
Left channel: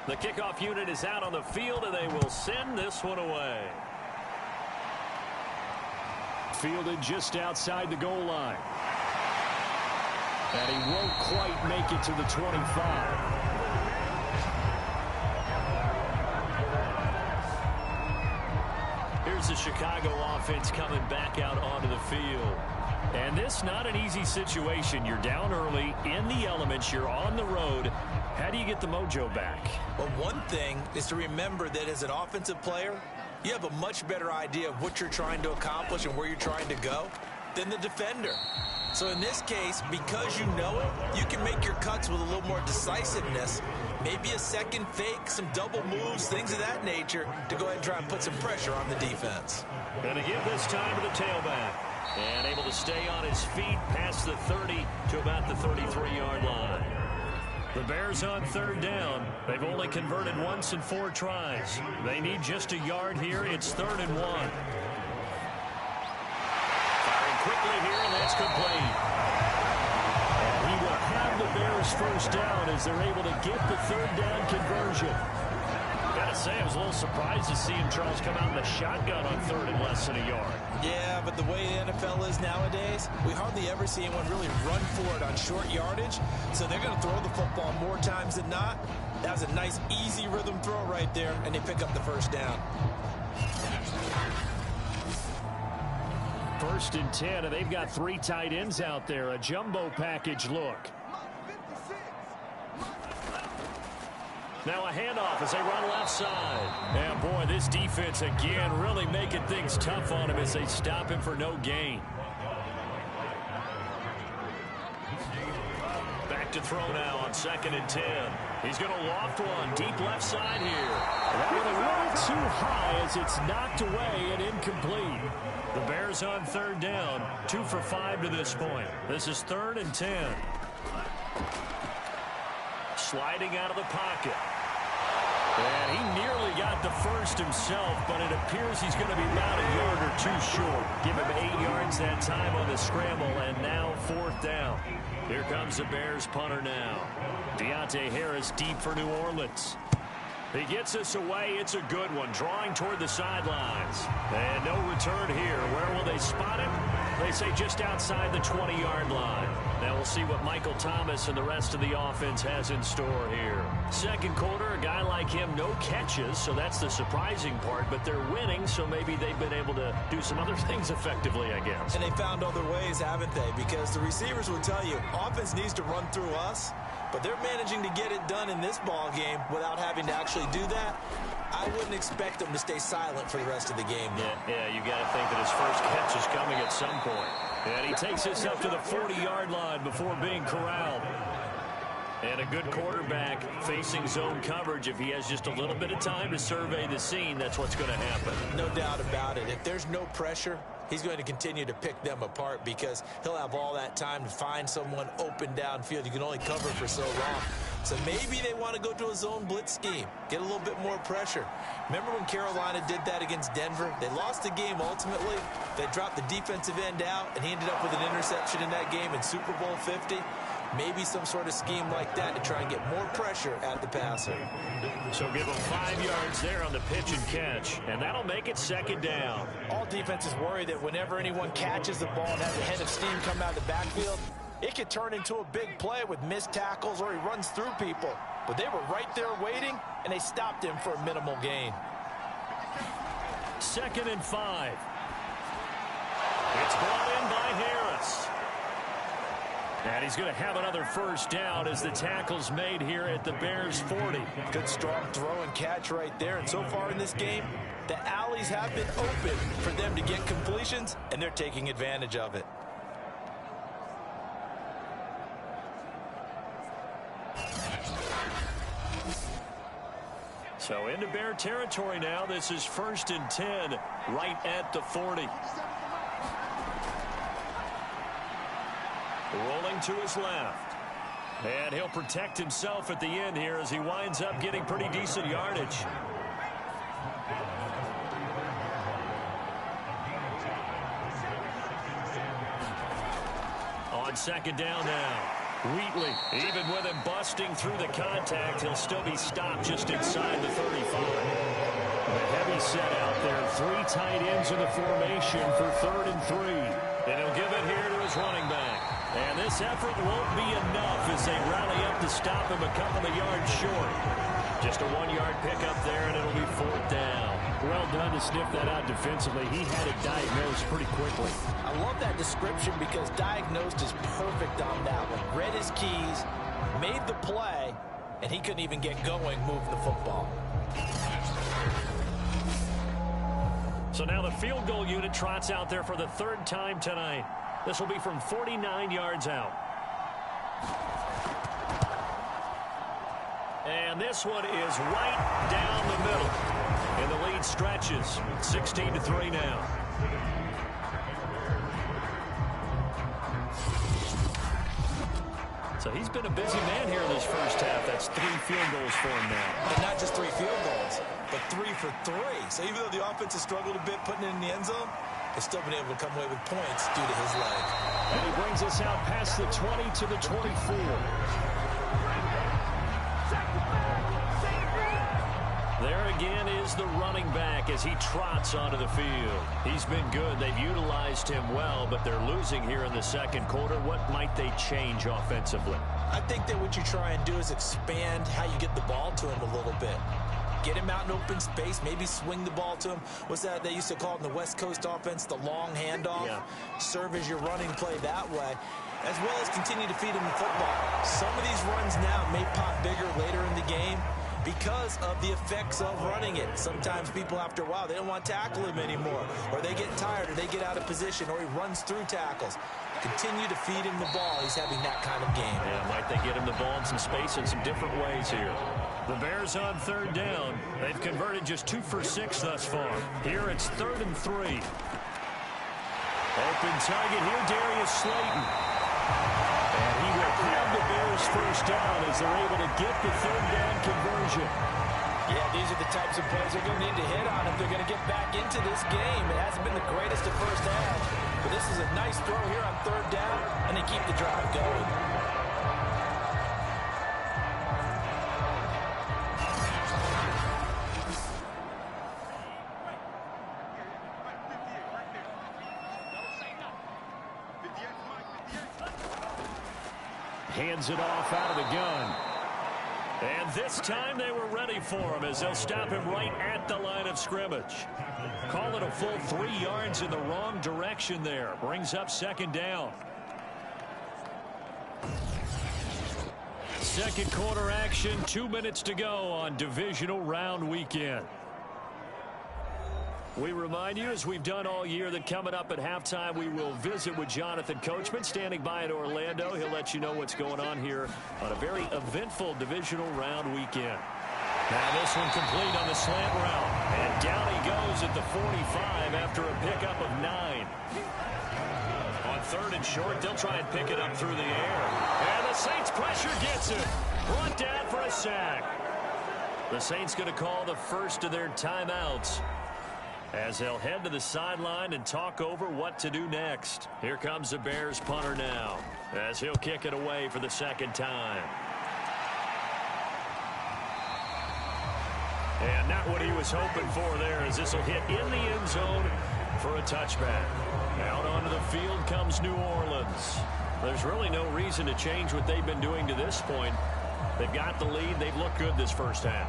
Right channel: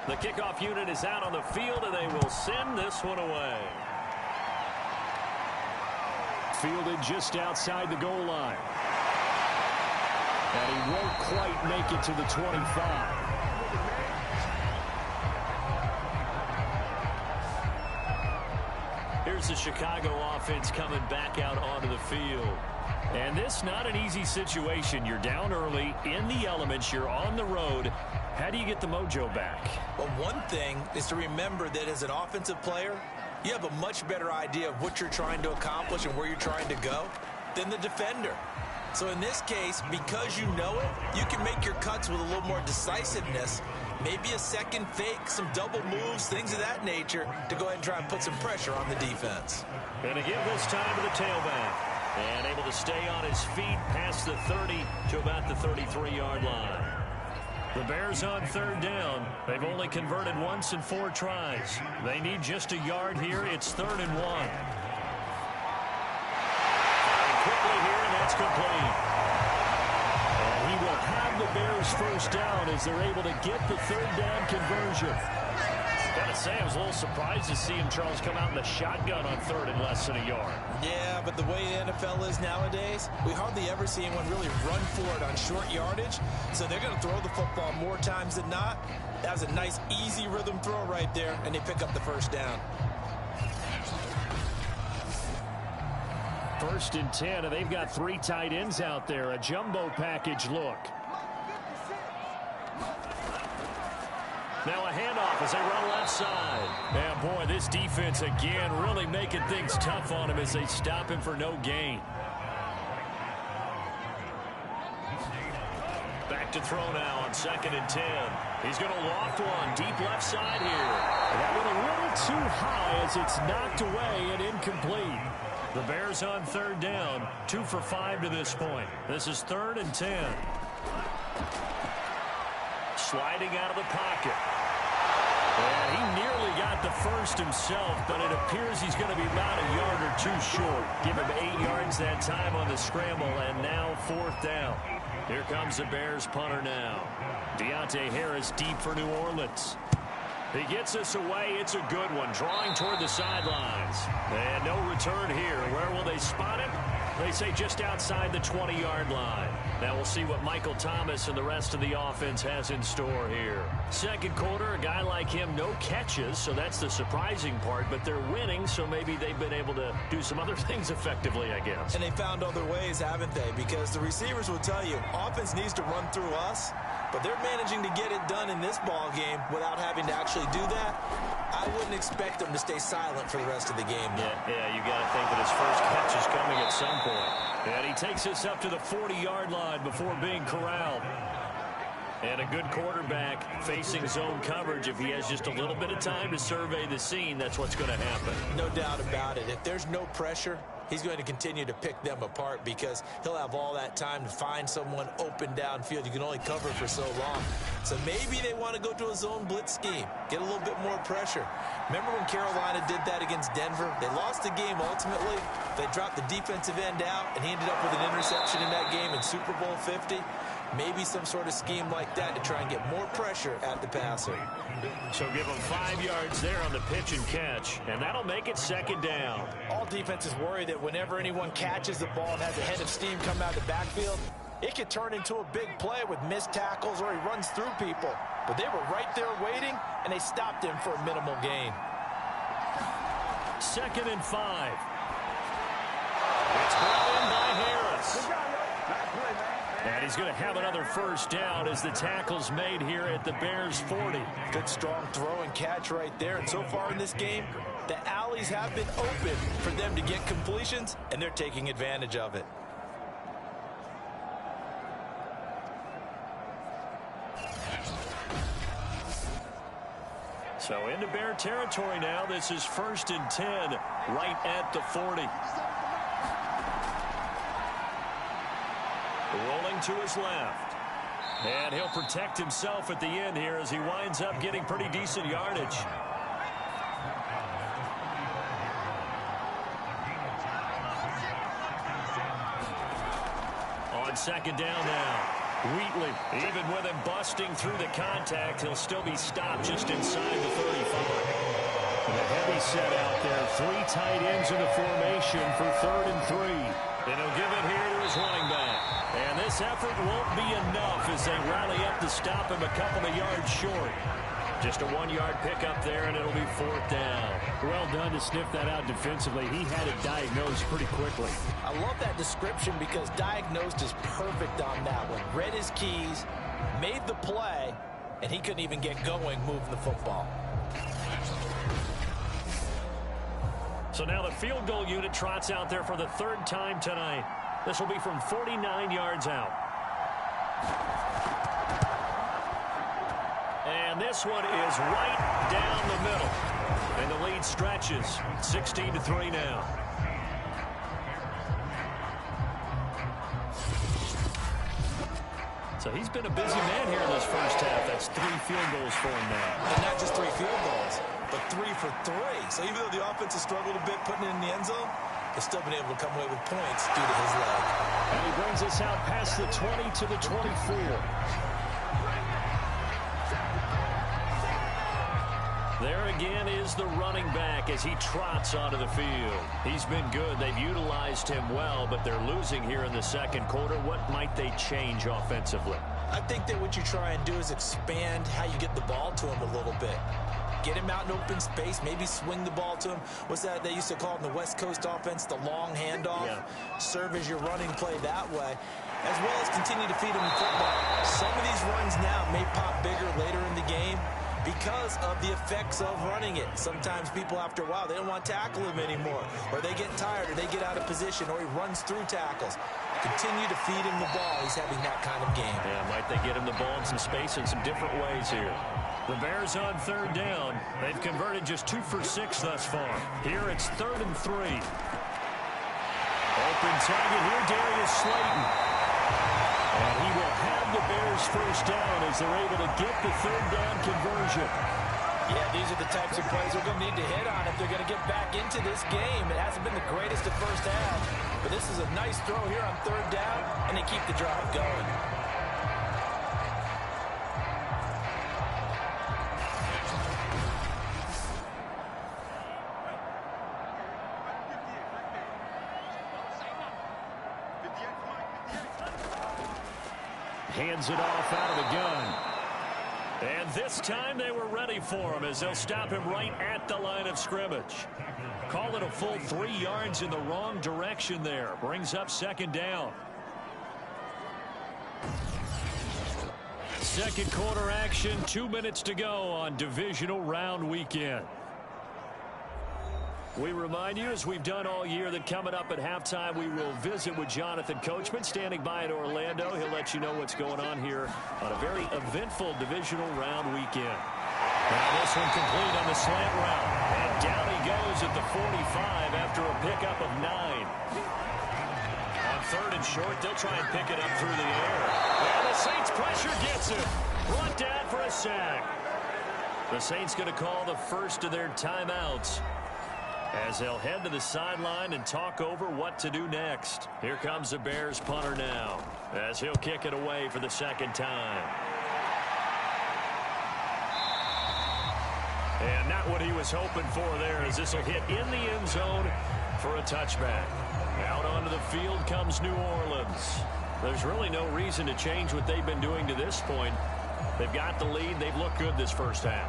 The kickoff unit is out on the field, and they will send this one away. Fielded just outside the goal line. And he won't quite make it to the 25. Here's the Chicago offense coming back out onto the field. And this not an easy situation. You're down early, in the elements, you're on the road. How do you get the mojo back? Well, one thing is to remember that as an offensive player, you have a much better idea of what you're trying to accomplish and where you're trying to go than the defender. So in this case, because you know it, you can make your cuts with a little more decisiveness, maybe a second fake, some double moves, things of that nature, to go ahead and try and put some pressure on the defense. Going to give this time to the tailback. And able to stay on his feet past the 30 to about the 33-yard line. The Bears on third down. They've only converted once in 4 tries. They need just a yard here. It's 3rd and 1. Firing quickly here, and that's complete. And he will have the Bears first down as they're able to get the 3rd down conversion. Gotta say, I was a little surprised to see him, Charles, come out in the shotgun on 3rd and less than a yard. Yeah, but the way the NFL is nowadays, we hardly ever see anyone really run for it on short yardage. So they're going to throw the football more times than not. That was a nice, easy rhythm throw right there, and they pick up the first down. 1st and 10, and they've got 3 tight ends out there. A jumbo package look. Now a handoff as they run left side. And boy, this defense again really making things tough on him as they stop him for no gain. Back to throw now on 2nd and 10. He's going to loft one deep left side here. And that one a little too high as it's knocked away and incomplete. The Bears on 3rd down, 2 for 5 to this point. This is 3rd and 10. Sliding out of the pocket. And he nearly got the first himself, but it appears he's going to be about a yard or 2 short. Give him 8 yards that time on the scramble, and now 4th down. Here comes the Bears punter now. Deontay Harris deep for New Orleans. He gets us away. It's a good one. Drawing toward the sidelines. And no return here. Where will they spot him? They say just outside the 20-yard line. Now we'll see what Michael Thomas and the rest of the offense has in store here. 2nd quarter, a guy like him, no catches, so that's the surprising part. But they're winning, so maybe they've been able to do some other things effectively, I guess. And they found other ways, haven't they? Because the receivers will tell you, offense needs to run through us. but they're managing to get it done in this ball game without having to actually do that. I wouldn't expect them to stay silent for the rest of the game. Yeah, you got to think that his first catch is coming at some point. And he takes this up to the 40-yard line before being corralled. And a good quarterback facing zone coverage, if he has just a little bit of time to survey the scene, that's what's going to happen. No doubt about it. If there's no pressure, he's going to continue to pick them apart because he'll have all that time to find someone open downfield. You can only cover for so long. So maybe they want to go to a zone blitz scheme, get a little bit more pressure. Remember when Carolina did that against Denver? They lost the game ultimately. They dropped the defensive end out, and he ended up with an interception in that game in Super Bowl 50. Maybe some sort of scheme like that to try and get more pressure at the passer. So give him 5 yards there on the pitch and catch, and that'll make it second down. All defenses worry that whenever anyone catches the ball and has a head of steam come out of the backfield, it could turn into a big play with missed tackles or he runs through people. But they were right there waiting, and they stopped him for a minimal gain. 2nd and 5. It's brought in by Harris. And he's going to have another first down as the tackle's made here at the Bears' 40. Good strong throw and catch right there. And so far in this game, the alleys have been open for them to get completions, and they're taking advantage of it. So into Bear territory now. This is 1st and 10 right at the 40. Rolling to his left. And he'll protect himself at the end here as he winds up getting pretty decent yardage. On 2nd down now. Wheatley, even with him busting through the contact, he'll still be stopped just inside the 35. The heavy set out there. 3 tight ends in the formation for 3rd and 3. And he'll give it here to his running back. And this effort won't be enough as they rally up to stop him a couple of yards short. Just a 1-yard pickup there, and it'll be 4th down. Well done to sniff that out defensively. He had it diagnosed pretty quickly. I love that description because diagnosed is perfect on that one. Read his keys, made the play, and he couldn't even get going moving the football. So now the field goal unit trots out there for the 3rd time tonight. This will be from 49 yards out. And this one is right down the middle. And the lead stretches. 16-3 now. So he's been a busy man here in this first half. That's 3 field goals for him now. And not just 3 field goals, but 3 for 3. So even though the offense has struggled a bit putting it in the end zone, they've still been able to come away with points due to his leg. And he brings us out past the 20 to the 24. There again is the running back as he trots onto the field. He's been good. They've utilized him well, but they're losing here in the 2nd quarter. What might they change offensively? I think that what you try and do is expand how you get the ball to him a little bit. Get him out in open space, maybe swing the ball to him. What's that they used to call in the West Coast offense, the long handoff? Yeah. Serve as your running play that way, as well as continue to feed him the football. Some of these runs now may pop bigger later in the game because of the effects of running it. Sometimes people, after a while, they don't want to tackle him anymore, or they get tired, or they get out of position, or he runs through tackles. Continue to feed him the ball. He's having that kind of game. Yeah, might they get him the ball in some space in some different ways here. The Bears on 3rd down. They've converted just 2 for 6 thus far. Here it's 3rd and 3. Open target here, Darius Slayton. And he will have the Bears first down as they're able to get the 3rd down conversion. Yeah, these are the types of plays they're going to need to hit on if they're going to get back into this game. It hasn't been the greatest at first half, but this is a nice throw here on 3rd down, and they keep the drive going. Hands it off out of the gun. And this time they were ready for him as they'll stop him right at the line of scrimmage. Call it a full 3 yards in the wrong direction there. Brings up 2nd down. second quarter action. 2 minutes to go on divisional round weekend. We remind you, as we've done all year, that coming up at halftime, we will visit with Jonathan Coachman, standing by in Orlando. He'll let you know what's going on here on a very eventful divisional round weekend. Now this one complete on the slant route. And down he goes at the 45 after a pickup of 9. On third and short, they'll try and pick it up through the air. And the Saints pressure gets him. Brought down for a sack. The Saints going to call the first of their timeouts, as they'll head to the sideline and talk over what to do next. Here comes the Bears punter now, as he'll kick it away for the second time. And not what he was hoping for there, as this will hit in the end zone for a touchback. Out onto the field comes New Orleans. There's really no reason to change what they've been doing to this point. They've got the lead. They've looked good this first half.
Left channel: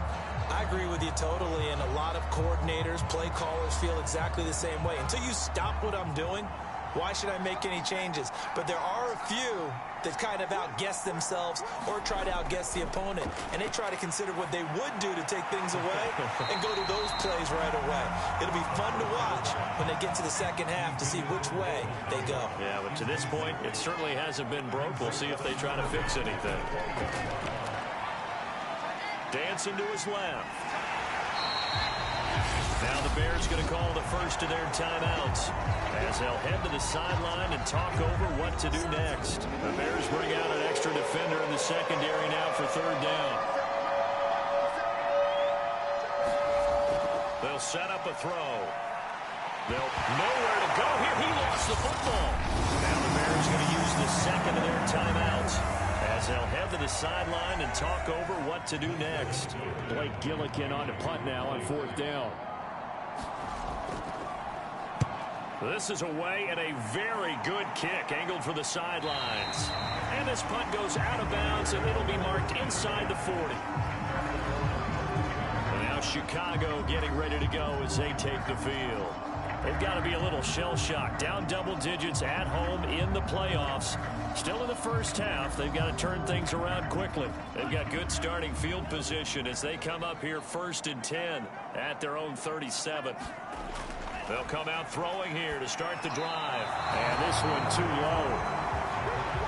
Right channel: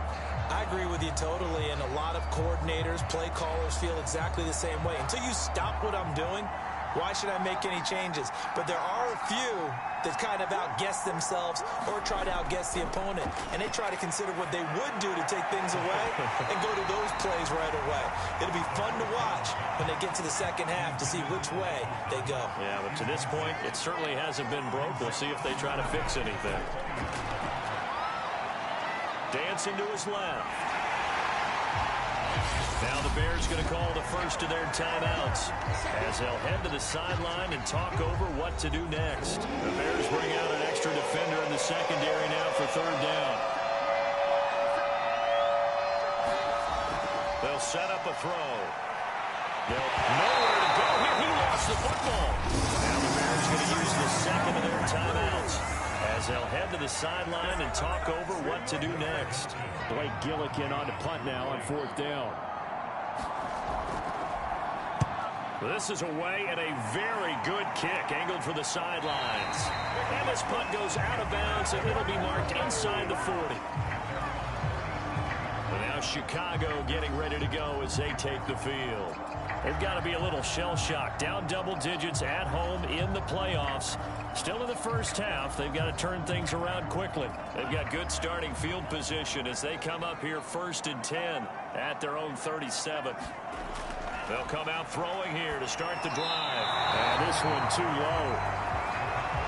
I agree with you totally, and a lot of coordinators, play callers feel exactly the same way. Until you stop what I'm doing, why should I make any changes? But there are a few that kind of outguess themselves or try to outguess the opponent, and they try to consider what they would do to take things away and go to those plays right away. It'll be fun to watch when they get to the second half to see which way they go. Yeah, but to this point, it certainly hasn't been broke. We'll see if they try to fix anything. Dancing to his left. Now the Bears going to call the first of their timeouts, as they'll head to the sideline and talk over what to do next. The Bears bring out an extra defender in the secondary now for third down. They'll set up a throw. They'll nowhere to go here. He lost the football. Now the Bears going to use the second of their timeouts, as they'll head to the sideline and talk over what to do next. Blake Gillikin on to punt now on fourth down. This is away, and a very good kick angled for the sidelines. And this punt goes out of bounds, and it'll be marked inside the 40. And now Chicago getting ready to go as they take the field. They've got to be a little shell-shocked. Down double digits at home in the playoffs. Still in the first half. They've got to turn things around quickly. They've got good starting field position as they come up here 1st and 10 at their own 37. They'll come out throwing here to start the drive. And this one too low.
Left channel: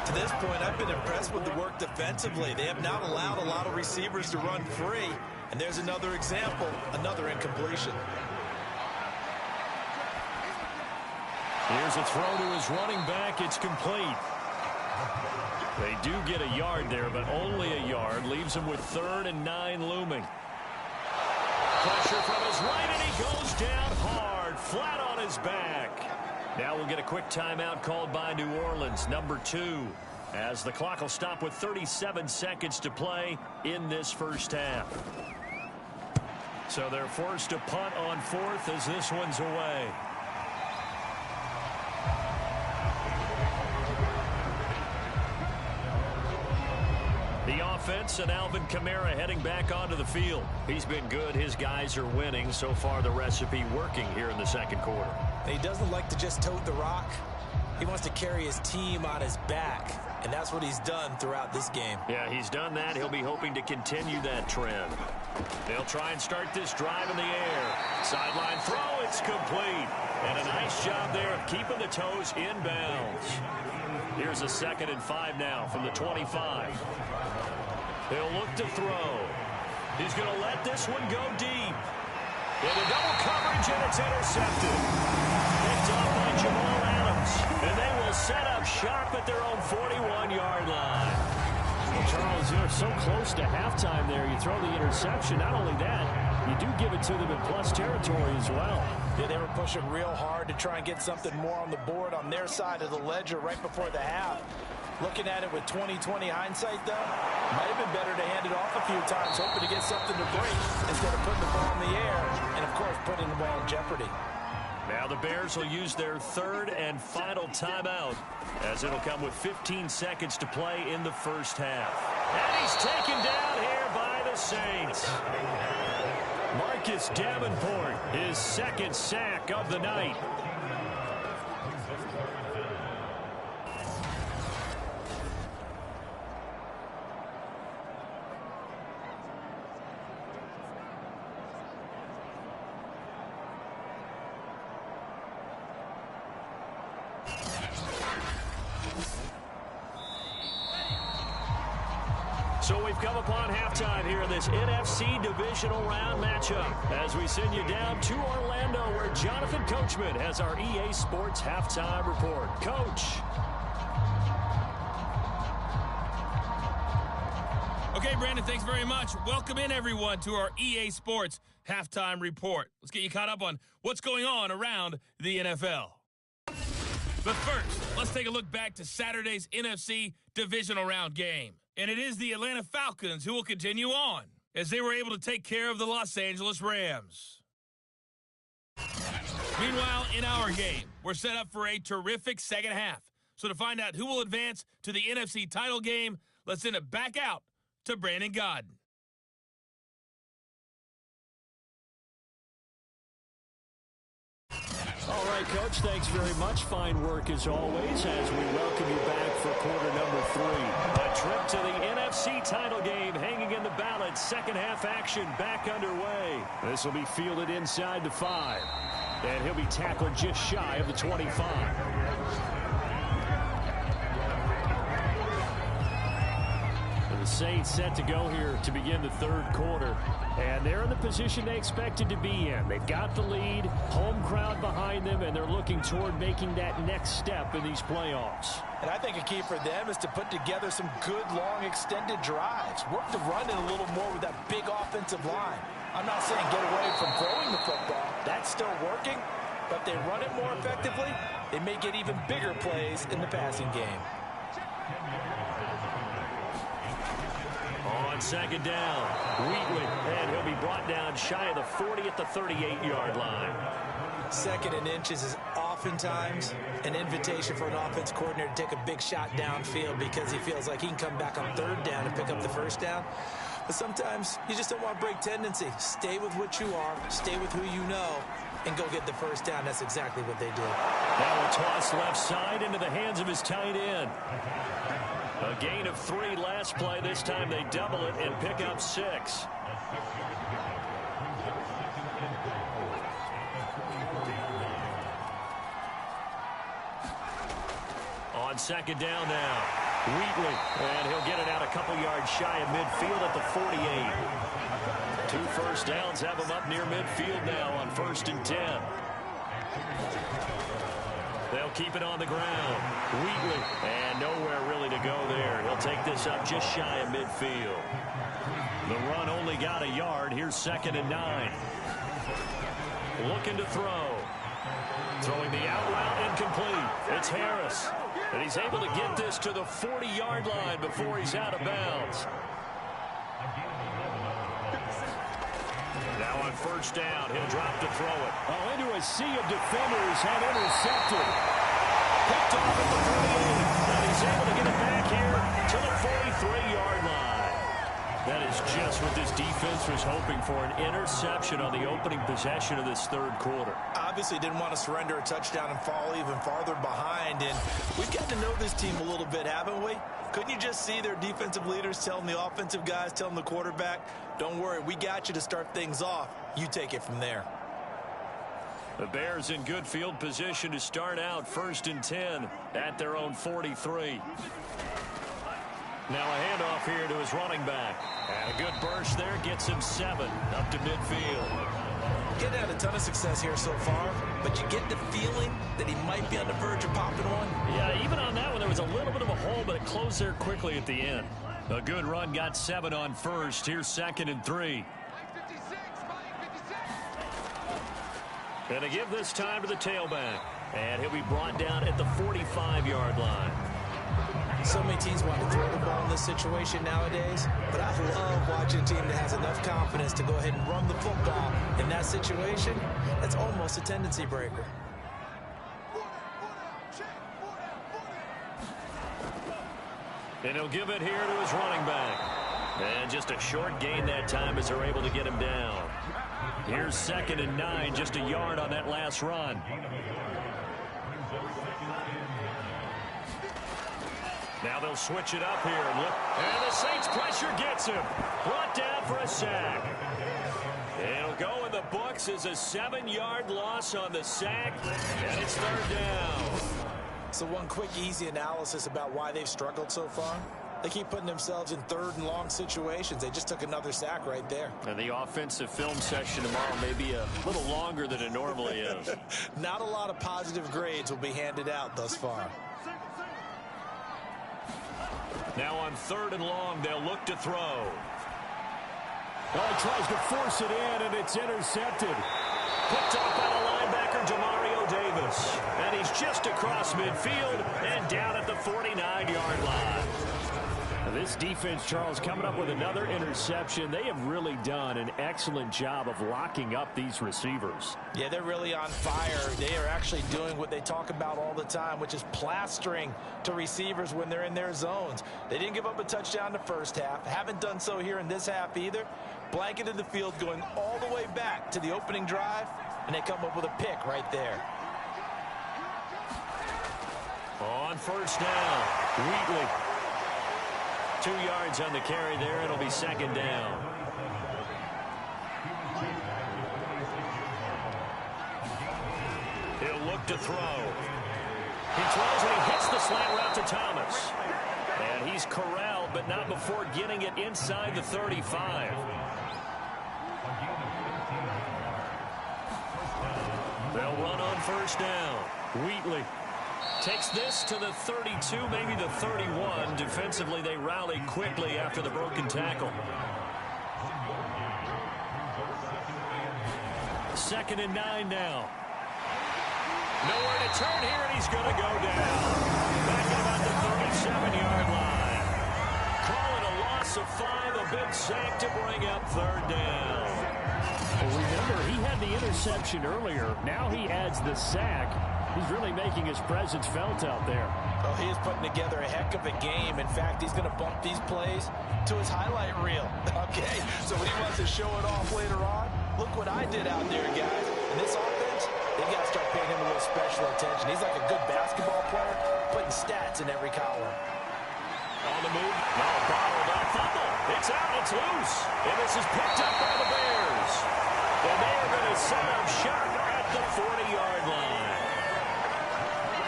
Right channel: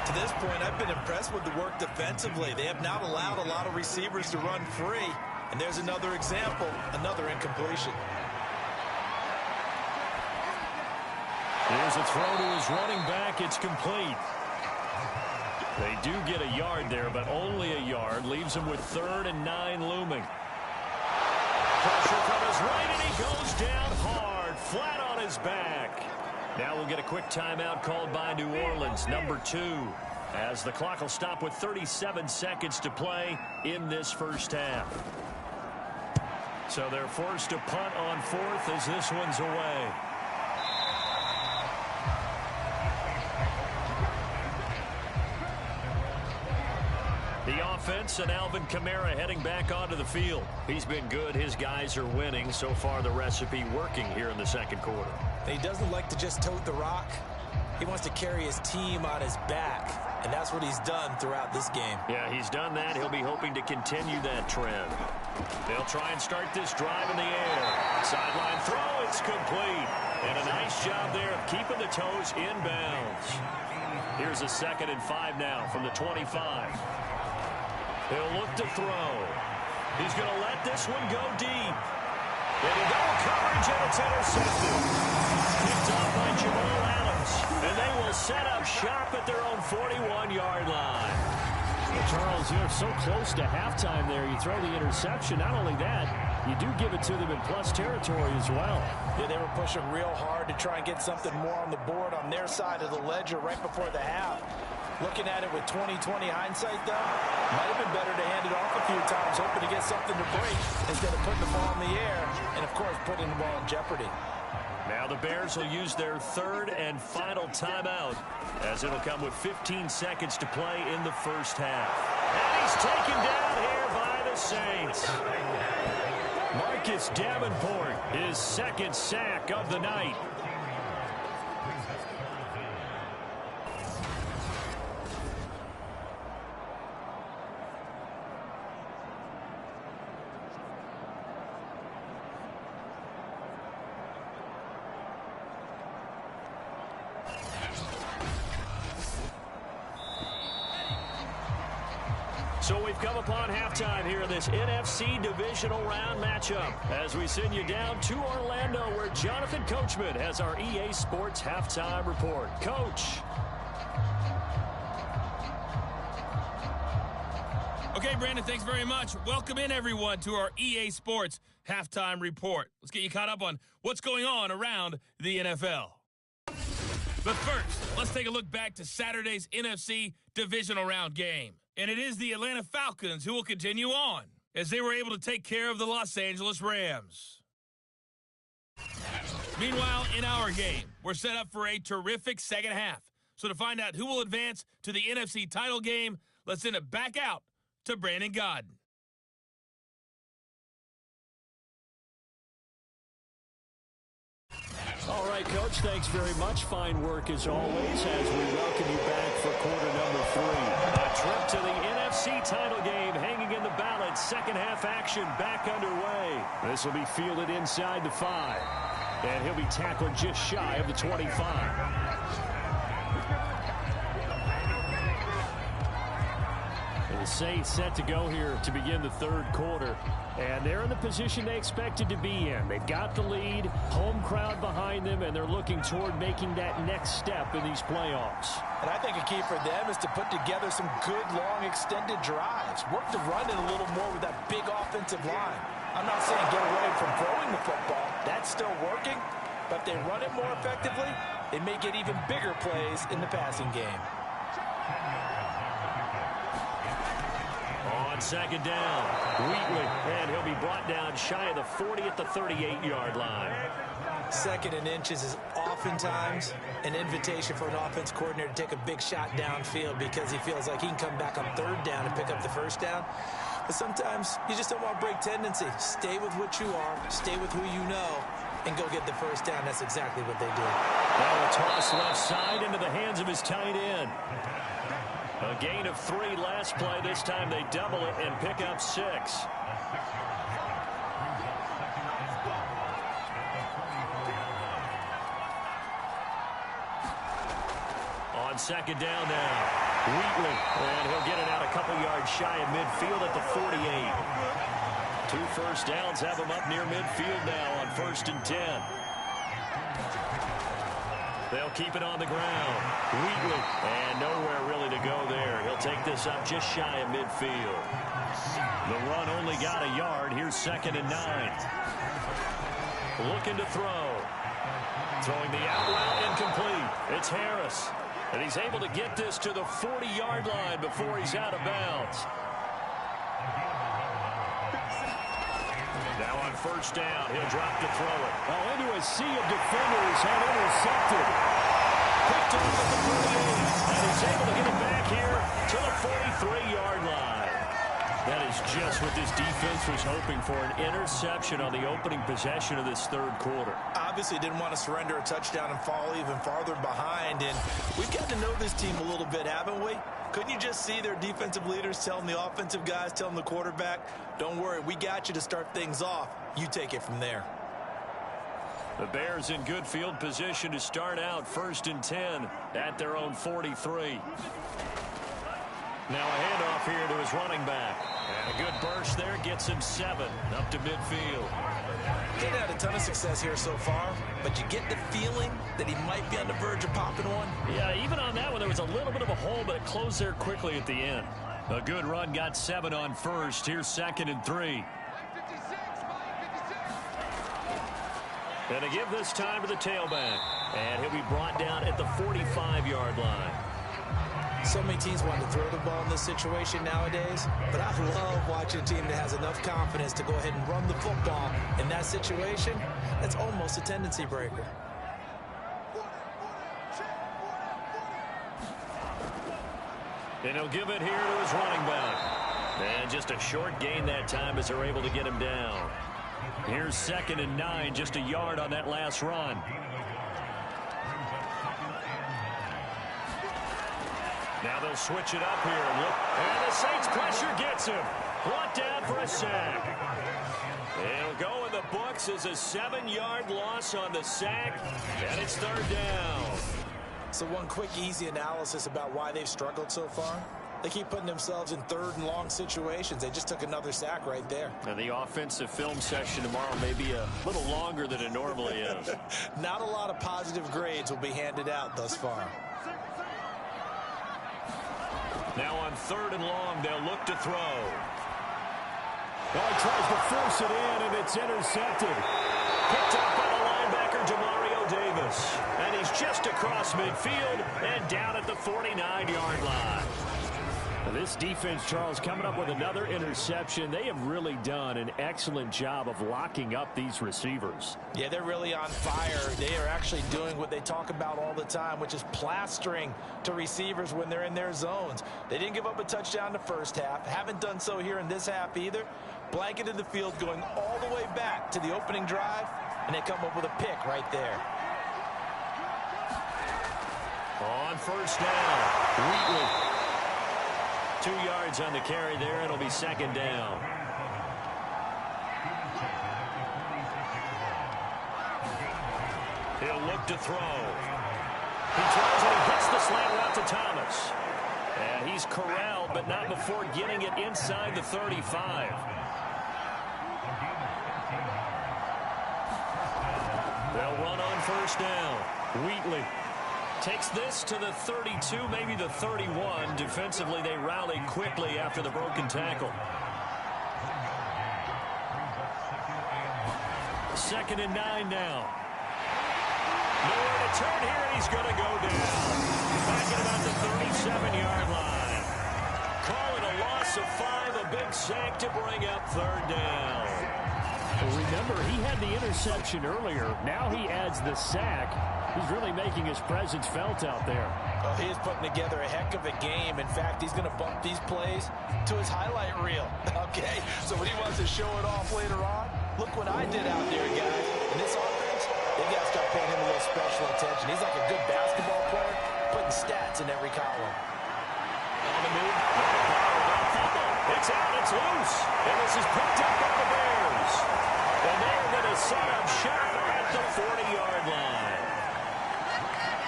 To this point, I've been impressed with the work defensively. They have not allowed a lot of receivers to run free. And there's another example, another incompletion. Here's a throw to his running back. It's complete. They do get a yard there, but only a yard. Leaves him with 3rd and 9 looming. Pressure from his right, and he goes down hard, flat on his back. Now we'll get a quick timeout called by New Orleans, number 2, as the clock will stop with 37 seconds to play in this first half. So they're forced to punt on 4th as this one's away. The offense and Alvin Kamara heading back onto the field. He's been good. His guys are winning. So far, the recipe working here in the second quarter. He doesn't like to just tote the rock. He wants to carry his team on his back, and that's what he's done throughout this game. Yeah, he's done that. He'll be hoping to continue that trend. They'll try and start this drive in the air. Sideline throw, it's complete. And a nice job there of keeping the toes inbounds. Here's a 2nd and 5 now from the 25. He'll look to throw. He's going to let this one go deep. Into double coverage, and it's intercepted. Picked off by Jamal Adams. And they will set up shop at their own 41-yard line. Well, Charles, you're so close to halftime there. You throw the interception. Not only that, you do give it to them in plus territory as well. Yeah, they were pushing real hard to try and get something more on the board on their side of the ledger right before the half. Looking at it with 20/20 hindsight, though, might have been better to hand it off a few times, hoping to get something to break instead of putting the ball in the air and, of course, putting the ball in jeopardy. Now the Bears will use their 3rd and final timeout, as it'll come with 15 seconds to play in the first half. And he's taken down here by the Saints. Marcus Davenport, his 2nd sack of the night. So we've come upon halftime here in this NFC Divisional Round matchup as we send you down to Orlando where Jonathan Coachman has our EA Sports Halftime Report. Coach. Okay, Brandon, thanks very much. Welcome in, everyone, to our EA Sports Halftime Report. Let's get you caught up on what's going on around the NFL. But first, let's take a look back to Saturday's NFC Divisional Round game. And it is the Atlanta Falcons who will continue on as they were able to take care of the Los Angeles Rams. Meanwhile, in our game, we're set up for a terrific second half. So to find out who will advance to the NFC title game, let's send it back out to Brandon Godden. All right, Coach, thanks very much. Fine work as always as we welcome you back for quarter number 3. A trip to the NFC title game hanging in the balance. Second half action back underway. This will be fielded inside the 5. And he'll be tackled just shy of the 25. The Saints set to go here to begin the third quarter. And they're in the position they expected to be in. They've got the lead, home crowd behind them, and they're looking toward making that next step in these playoffs. And I think a key for them is to put together some good, long, extended drives. Work the run in a little more with that big offensive line. I'm not saying get away from throwing the football. That's still working. But if they run it more effectively, they may get even bigger plays in the passing game. On second down, Wheatley, and he'll be brought down shy of the 40 at the 38-yard line. Second and inches is oftentimes an invitation for an offense coordinator to take a big shot downfield because he feels like he can come back on third down and pick up the first down. But sometimes you just don't want to break tendency. Stay with what you are, stay with who you know, and go get the first down. That's exactly what they did. Now a toss left side into the hands of his tight end. A gain of 3 last play. This time they double it and pick up 6. On second down now, Wheatley, and he'll get it out a couple yards shy of midfield at the 48. 2 first downs have him up near midfield now on 1st and 10. They'll keep it on the ground. Wheatley, and nowhere really to go there. He'll take this up just shy of midfield. The run only got a yard. Here's 2nd and 9. Looking to throw. Throwing the out route incomplete. It's Harris. And he's able to get this to the 40-yard line before he's out of bounds. Now on first down, he'll drop to throw it. Oh, into a sea of defenders and intercepted. Picked off at the 48, and he's able to get it back here to the 43-yard line. That is just what this defense was hoping for, an interception on the opening possession of this third quarter. Obviously didn't want to surrender a touchdown and fall even farther behind, and we've gotten to know this team a little bit, haven't we? Couldn't you just see their defensive leaders telling the offensive guys, telling the quarterback, don't worry, we got you to start things off. You take it from there. The Bears in good field position to start out 1st and 10 at their own 43. Now a handoff here to his running back. And a good burst there gets him 7 up to midfield. Getting had a ton of success here so far, but you get the feeling that he might be on the verge of popping one. Yeah, even on that one, there was a little bit of a hole, but it closed there quickly at the end. A good run got 7 on first. Here's 2nd and 3. And to give this time to the tailback. And he'll be brought down at the 45-yard line. So many teams want to throw the ball in this situation nowadays, but I love watching a team that has enough confidence to go ahead and run the football. In that situation, that's almost a tendency breaker. And he'll give it here to his running back. And just a short gain that time as they're able to get him down. Here's 2nd and 9, just a yard on that last run. Now they'll switch it up here. Look, and the Saints pressure gets him. Brought down for a sack. It'll go in the books as a 7-yard loss on the sack, and it's 3rd down. So one quick, easy analysis about why they've struggled so far. They keep putting themselves in third and long situations. They just took another sack right there. And the offensive film session tomorrow may be a little longer than it normally is. Not a lot of positive grades will be handed out thus far. Now on 3rd and long, they'll look to throw. Well, he tries to force it in, and it's intercepted. Picked up by the linebacker, Demario Davis. And he's just across midfield and down at the 49-yard line. This defense, Charles, coming up with another interception. They have really done an excellent job of locking up these receivers. Yeah, they're really on fire. They are actually doing what they talk about all the time, which is plastering to receivers when they're in their zones. They didn't give up a touchdown the first half. Haven't done so here in this half either. Blanketed the field going all the way back to the opening drive, and they come up with a pick right there. On 1st down, Wheatley. 2 yards on the carry there. It'll be 2nd down. He'll look to throw. He throws and he hits the slant route to Thomas. And he's corralled, but not before getting it inside the 35. They'll run on 1st down. Wheatley takes this to the 32, maybe the 31. Defensively, they rally quickly after the broken tackle. 2nd and 9 now. Nowhere to turn here, and he's going to go down. Back at about the 37-yard line. Call it a loss of 5, a big sack to bring up 3rd down. Well, remember, he had the interception earlier. Now he adds the sack. He's really making his presence felt out there. Oh, he is putting together a heck of a game. In fact, he's going to bump these plays to his highlight reel. Okay, so when he wants to show it off later on, look what I did out there, guys. In this offense, they've got to start paying him a little special attention. He's like a good basketball player, putting stats in every column. On the move, not bottled up, fumble. It's out, it's loose. And this is picked up by the Bears. And they are going to set up shop at the 40-yard line.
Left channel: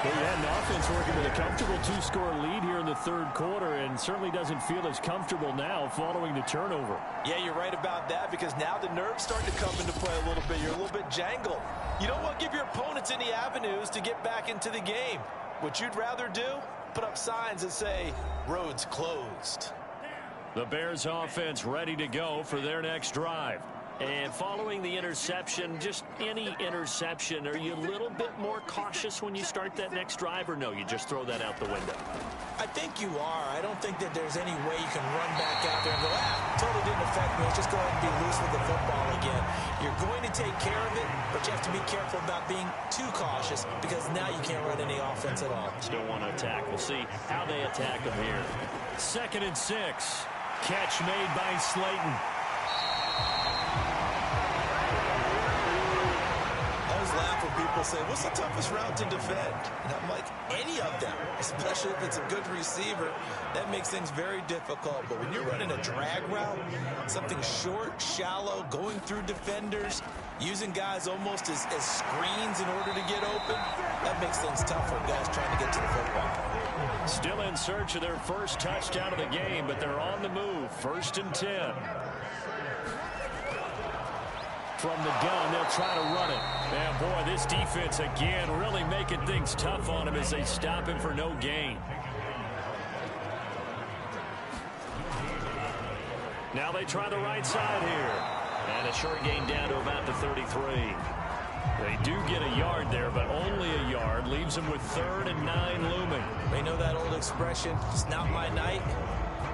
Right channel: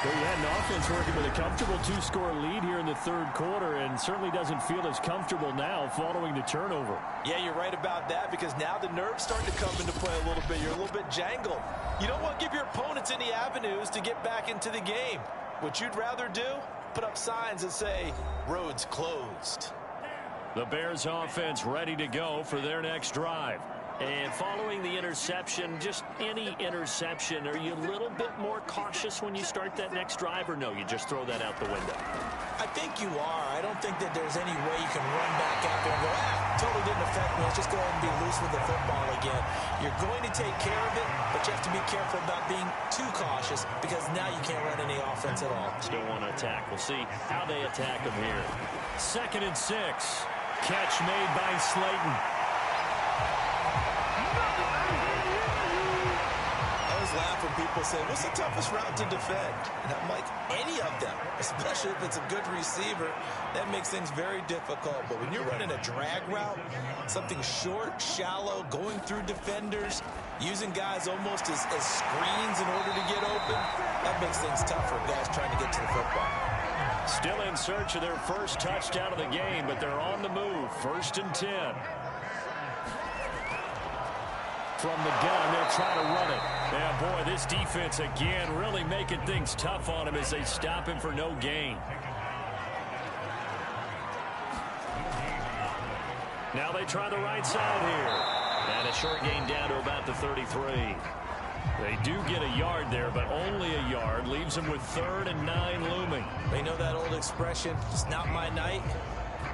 Well, you had an offense working with a comfortable 2-score lead here in the 3rd quarter, and certainly doesn't feel as comfortable now following the turnover. Yeah, you're right about that, because now the nerves starting to come into play a little bit. You're a little bit jangled. You don't want to give your opponents any avenues to get back into the game. What you'd rather do, put up signs that say, roads closed. The Bears offense ready to go for their next drive. And following the interception, just any interception, are you a little bit more cautious when you start that next drive, or no, you just throw that out the window? I think you are. I don't think that there's any way you can run back out there and go, totally didn't affect me. Let's just go ahead and be loose with the football again. You're going to take care of it, but you have to be careful about being too cautious, because now you can't run any offense at all. Still want to attack. We'll see how they attack them here. 2nd and 6. Catch made by Slayton. Laugh when people say, what's the toughest route to defend? And I'm like, any of them, especially if it's a good receiver. That makes things very difficult. But when you're running a drag route, something short, shallow, going through defenders, using guys almost as screens in order to get open, that makes things tough for guys trying to get to the football. Still in search of their first touchdown of the game, but they're on the move. 1st and 10. From the gun, they'll try to run it. Yeah, boy, this defense again really making things tough on him as they stop him for no gain. Now they try the right side here. And a short gain down to about the 33. They do get a yard there, but only a yard. Leaves them with 3rd and 9 looming. They know that old expression, it's not my night.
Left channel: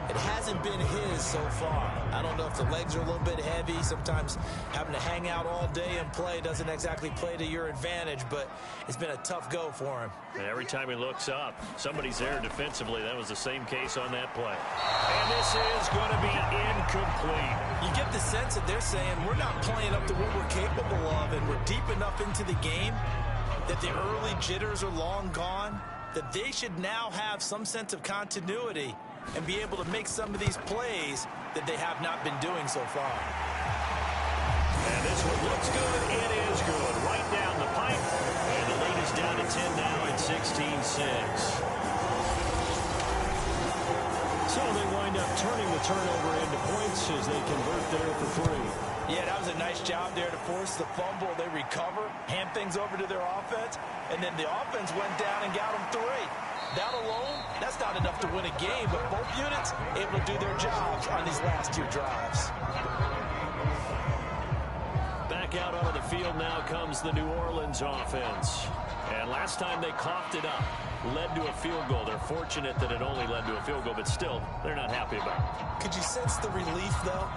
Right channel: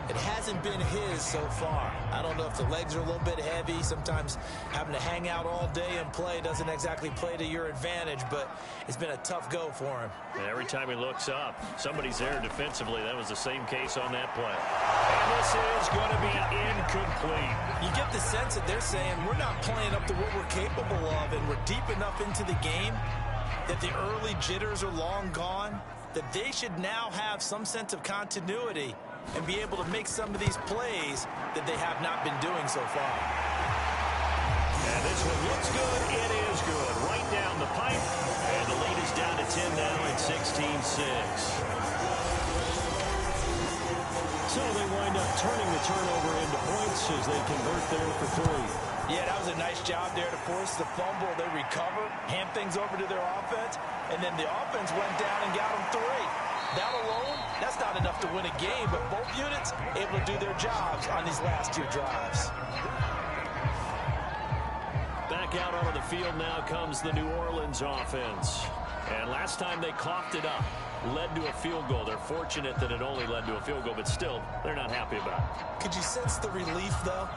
It hasn't been his so far. I don't know if the legs are a little bit heavy. Sometimes having to hang out all day and play doesn't exactly play to your advantage, but it's been a tough go for him. And every time he looks up, somebody's there defensively. That was the same case on that play. And this is going to be incomplete. You get the sense that they're saying we're not playing up to what we're capable of, and we're deep enough into the game that the early jitters are long gone, that they should now have some sense of continuity and be able to make some of these plays that they have not been doing so far. And this one looks good. It is good. Right down the pipe. And the lead is down to 10 now at 16-6. So they wind up turning the turnover into points as they convert there for 3. Yeah, that was a nice job there to force the fumble. They recover, hand things over to their offense, and then the offense went down and got them 3. That alone, that's not enough to win a game, but both units able to do their jobs on these last 2 drives. Back out onto the field now comes the New Orleans offense. And last time they coughed it up, led to a field goal. They're fortunate that it only led to a field goal, but still, they're not happy about it. Could you sense the relief, though,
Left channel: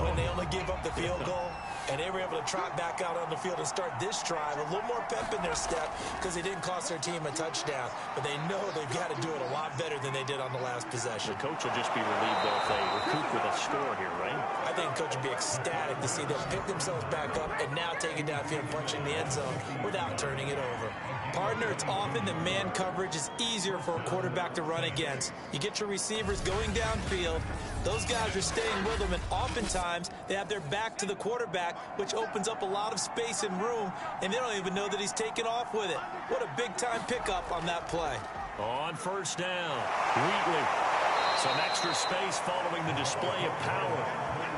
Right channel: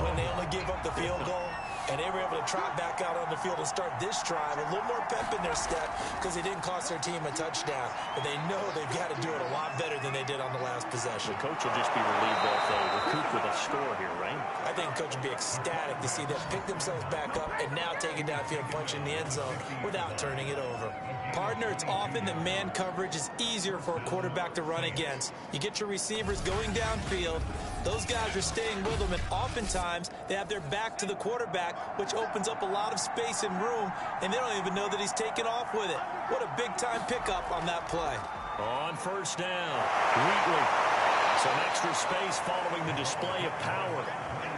when they only gave up the field goal? And they were able to trot back out on the field and start this drive. A little more pep in their step because they didn't cost their team a touchdown. But they know they've got to do it a lot better than they did on the last possession. The coach will just be relieved though if they recoup with a score here, right? I think the coach would be ecstatic to see them pick themselves back up and now take it downfield and punch in the end zone without turning it over. Partner, it's often that man coverage is easier for a quarterback to run against. You get your receivers going downfield. Those guys are staying with them, and oftentimes they have their back to the quarterback, which opens up a lot of space and room, and they don't even know that he's taken off with it. What a big-time pickup on that play. On first down, Wheatley. Some extra space following the display of power.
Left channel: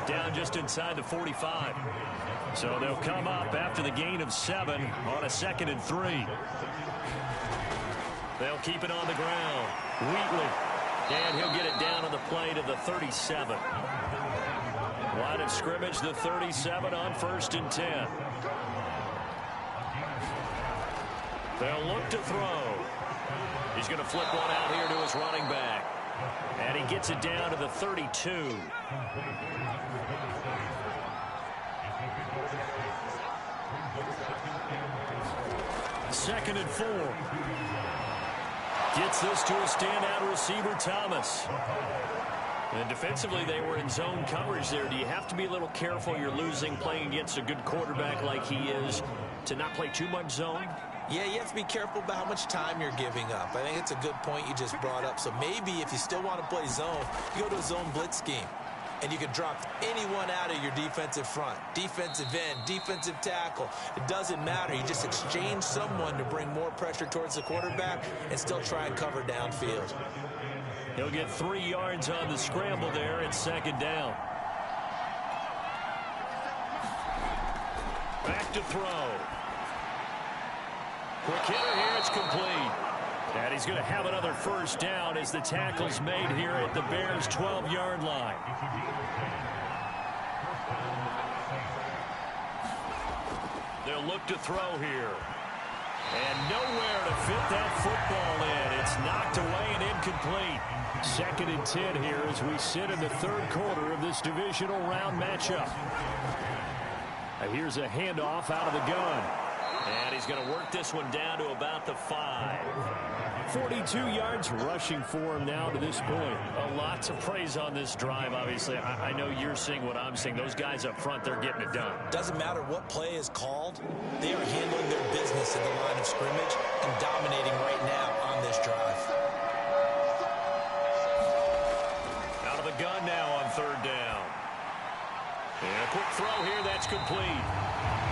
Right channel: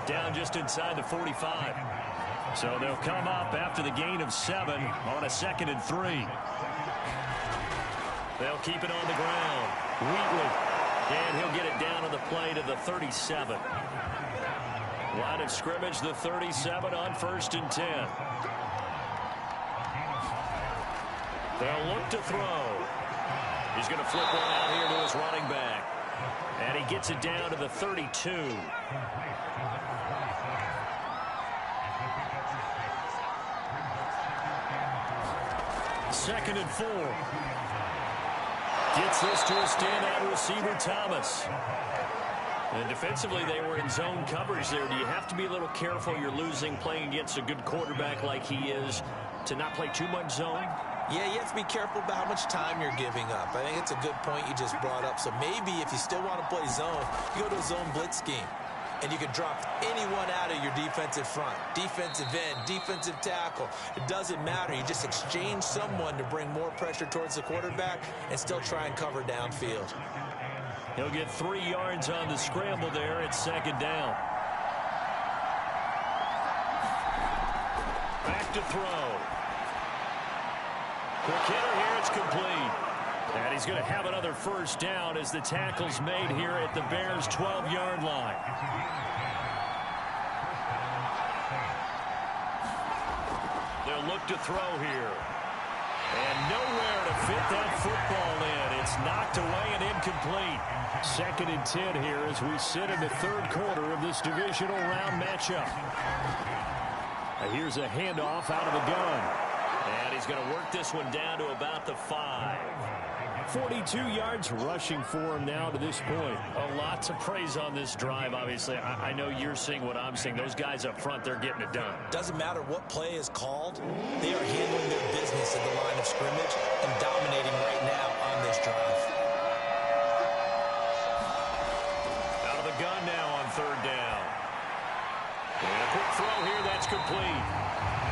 Down just inside the 45. So they'll come up after the gain of 7 on a 2nd and 3. They'll keep it on the ground. Wheatley. And he'll get it down on the play to the 37. Line of scrimmage, the 37 on 1st and 10. They'll look to throw. He's going to flip one out here to his running back. And he gets it down to the 32. Second and 4. Gets this to a standout receiver, Thomas. And defensively, they were in zone coverage there. Do you have to be a little careful? You're losing playing against a good quarterback like he is to not play too much zone? Yeah, you have to be careful about how much time you're giving up. I think it's a good point you just brought up. So maybe if you still want to play zone, you go to a zone blitz scheme. And you can drop anyone out of your defensive front. Defensive end, defensive tackle. It doesn't matter. You just exchange someone to bring more pressure towards the quarterback and still try and cover downfield. He'll get 3 yards on the scramble there at 2nd down. Back to throw. Quick hitter here. It's complete. And he's going to have another first down as the tackle's made here at the Bears' 12-yard line. They'll look to throw here. And nowhere to fit that football in. It's knocked away and incomplete. 2nd and 10 here as we sit in the 3rd quarter of this divisional round matchup. Here's a handoff out of the gun. And he's going to work this one down to about the 5. 42 yards rushing for him now to this point. A lot to praise on this drive, obviously. I know you're seeing what I'm seeing. Those guys up front, they're getting it done. Doesn't matter what play is called. They are handling their business at the line of scrimmage and dominating right now on this drive. Out of the gun now on 3rd down. And a quick throw here. That's complete.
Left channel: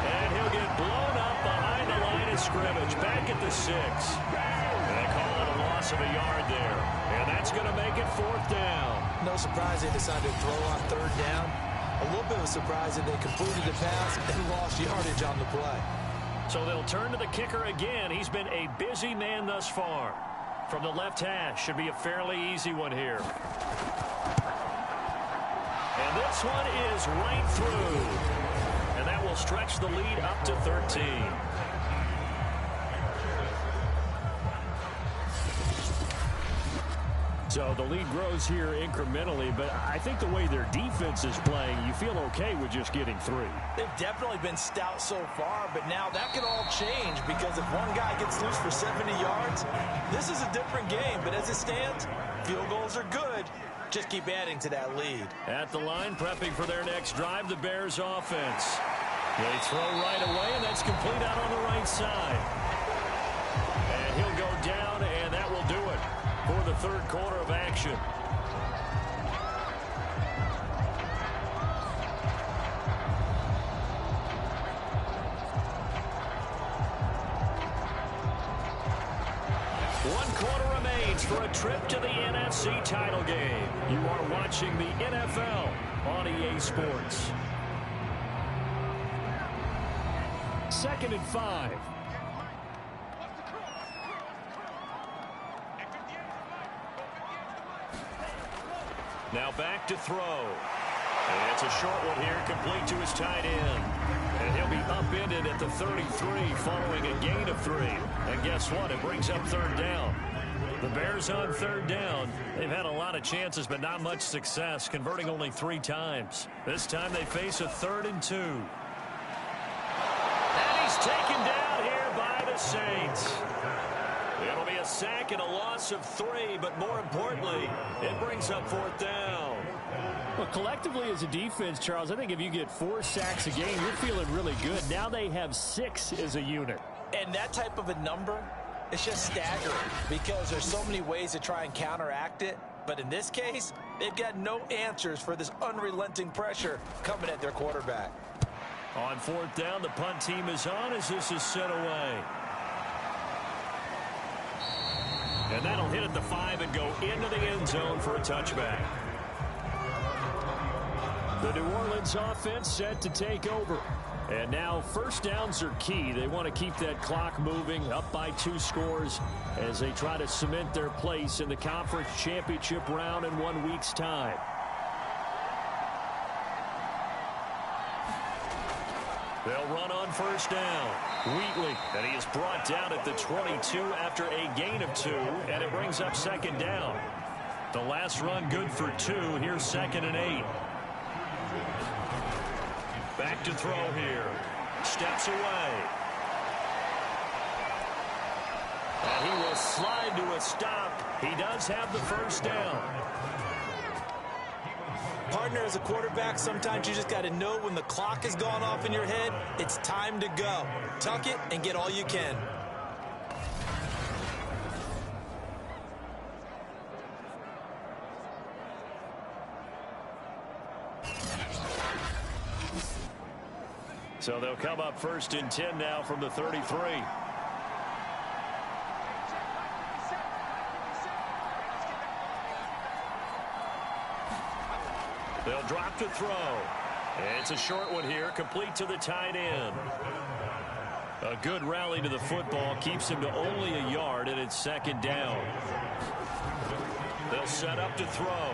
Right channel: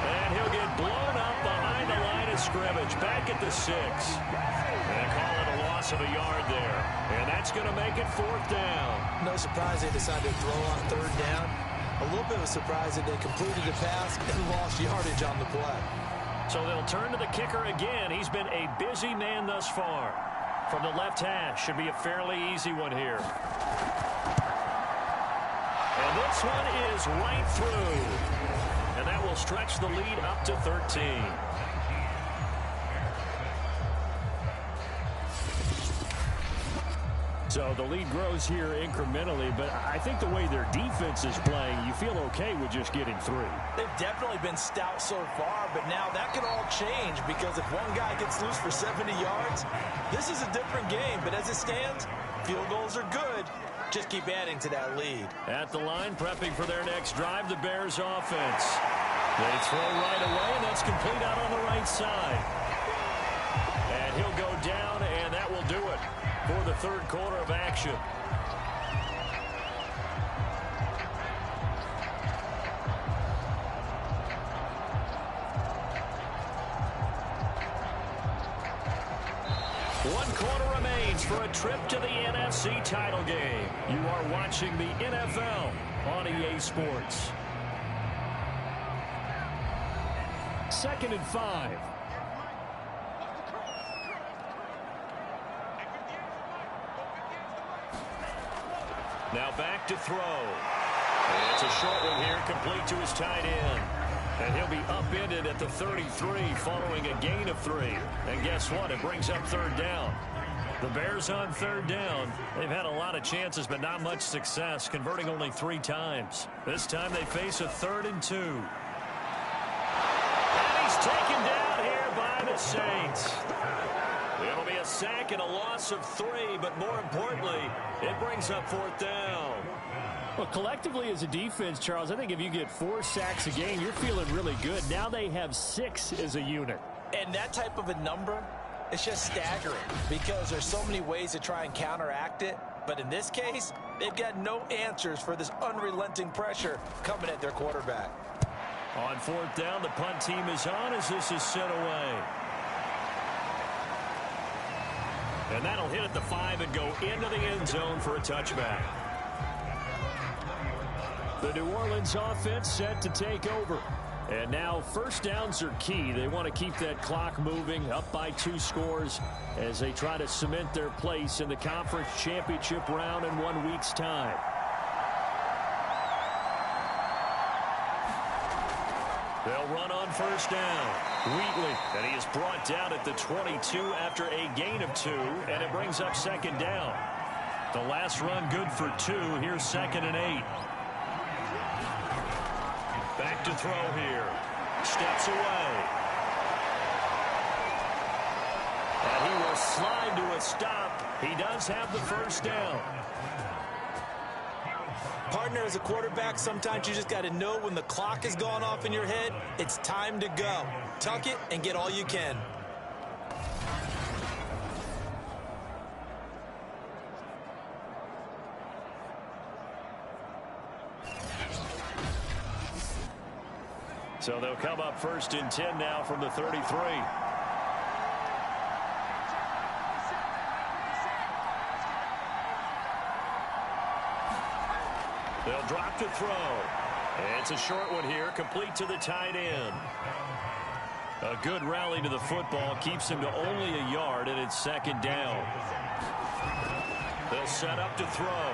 And he'll get blown up behind the line of scrimmage. Back at the 6. And they call it a loss of a yard there. And that's going to make it 4th down. No surprise they decided to throw on 3rd down. A little bit of a surprise that they completed the pass and lost yardage on the play. So they'll turn to the kicker again. He's been a busy man thus far. From the left hash, should be a fairly easy one here. And this one is right through. And that will stretch the lead up to 13. So the lead grows here incrementally, but I think the way their defense is playing, you feel okay with just getting 3. They've definitely been stout so far, but now that could all change because if one guy gets loose for 70 yards, this is a different game. But as it stands, field goals are good. Just keep adding to that lead. At the line, prepping for their next drive, the Bears offense. They throw right away, and that's complete out on the right side. And he'll go down, and that will do it for the 3rd quarter of action. One quarter remains. for a trip to the NFC title game. You are watching the NFL on EA Sports. 2nd and 5. Now back to throw. It's a short one here, complete to his tight end. And he'll be upended at the 33 following a gain of 3. And guess what? It brings up 3rd down. The Bears on 3rd down. They've had a lot of chances, but not much success, converting only 3 times. This time they face a 3rd and 2. And he's taken down here by the Saints. It'll be a sack and a loss of 3, but more importantly, it brings up 4th down. Well, collectively as a defense, Charles, I think if you get 4 sacks a game, you're feeling really good. Now they have 6 as a unit. And that type of a number, it's just staggering because there's so many ways to try and counteract it. But in this case, they've got no answers for this unrelenting pressure coming at their quarterback. On 4th down, the punt team is on as this is sent away. And that'll hit at the 5 and go into the end zone for a touchback. The New Orleans offense set to take over. And now 1st downs are key. They want to keep that clock moving, up by 2 scores as they try to cement their place in the conference championship round in 1 week's time. They'll run on 1st down. Wheatley, and he is brought down at the 22 after a gain of 2, and it brings up 2nd down. The last run good for 2. Here's 2nd and 8. Back to throw here. Steps away. And he will slide to a stop. He does have the 1st down. Partner, as a quarterback, sometimes you just got to know when the clock has gone off in your head, it's time to go. Tuck it and get all you can. So they'll come up 1st and 10 now from the 33. They'll drop to throw. It's a short one here, complete to the tight end. A good rally to the football keeps him to only a yard, and it's 2nd down. They'll set up to throw.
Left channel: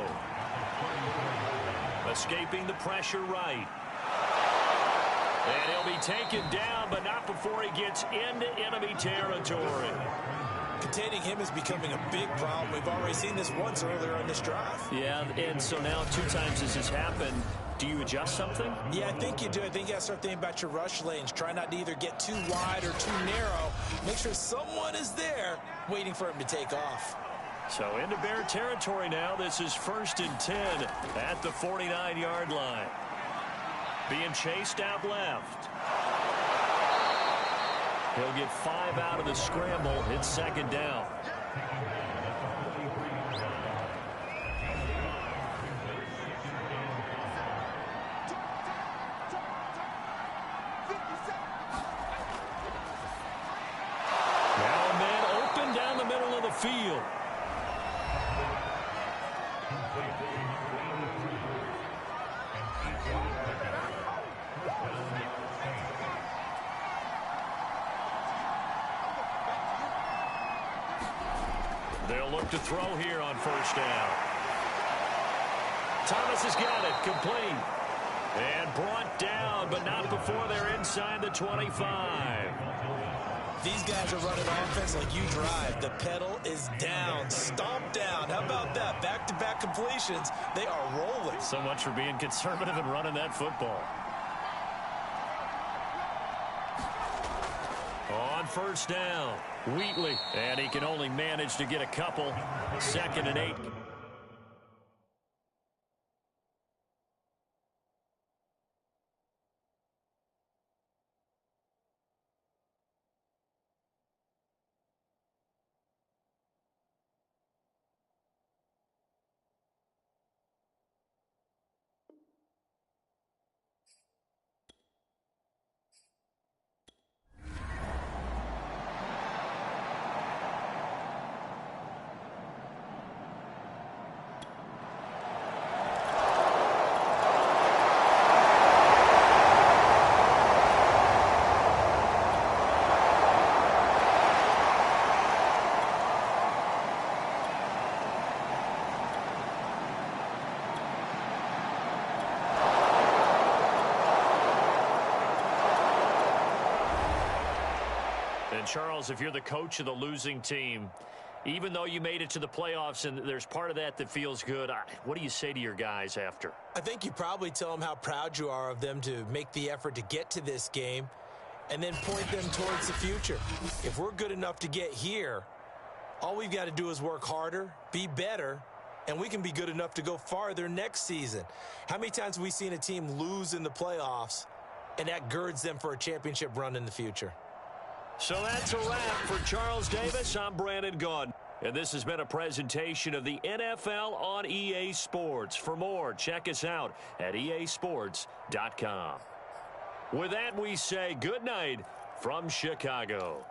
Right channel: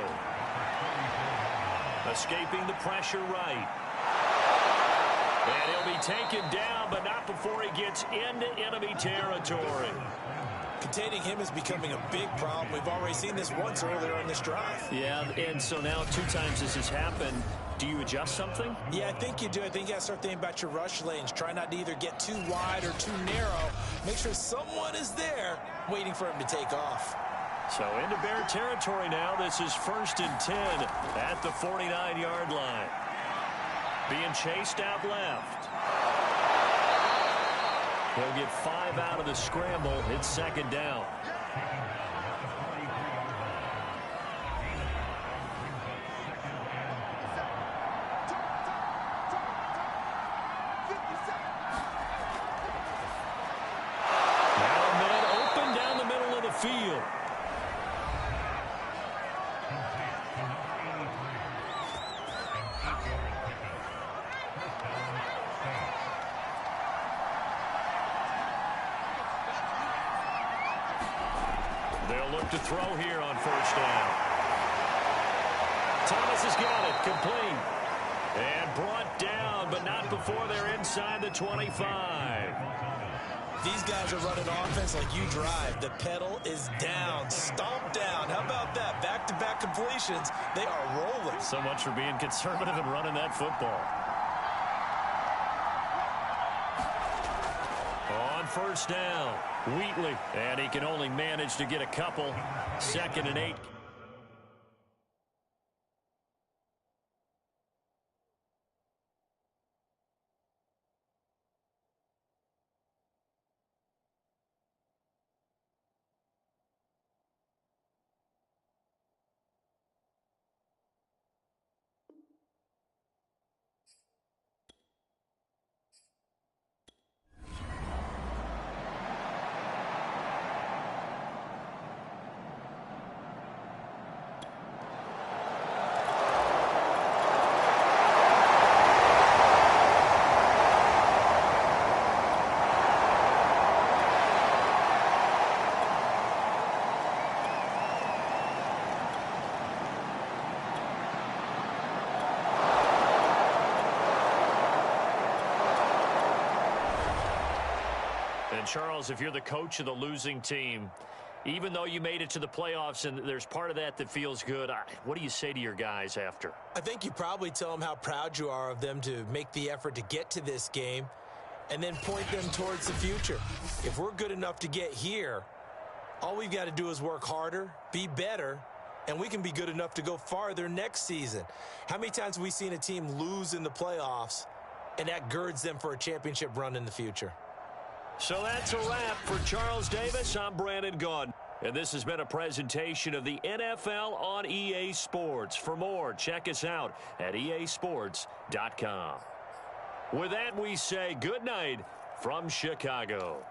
Escaping the pressure right. And he'll be taken down, but not before he gets into enemy territory. Containing him is becoming a big problem. We've already seen this once earlier in this drive. Yeah, and so now 2 times this has happened. Do you adjust something? Yeah, I think you do. I think you got to start thinking about your rush lanes. Try not to either get too wide or too narrow. Make sure someone is there waiting for him to take off. So into Bear territory now. This is 1st and 10 at the 49-yard line. Being chased out left. He'll get 5 out of the scramble. It's 2nd down. Now a man open down the middle of the field. They'll look to throw here on 1st down. Thomas has got it, complete. And brought down, but not before they're inside the 25. These guys are running offense like you drive. The pedal is down, stomp down. How about that? Back-to-back completions. They are rolling. So much for being conservative and running that football. On 1st down, Wheatley, and he can only manage to get a couple. 2nd and 8. And, Charles, if you're the coach of the losing team, even though you made it to the playoffs and there's part of that feels good, what do you say to your guys after? I think you probably tell them how proud you are of them to make the effort to get to this game and then point them towards the future. If we're good enough to get here, all we've got to do is work harder, be better, and we can be good enough to go farther next season. How many times have we seen a team lose in the playoffs, and that girds them for a championship run in the future? So that's a wrap. For Charles Davis, I'm Brandon Gaudin. And this has been a presentation of the NFL on EA Sports. For more, check us out at easports.com. With that, we say good night from Chicago.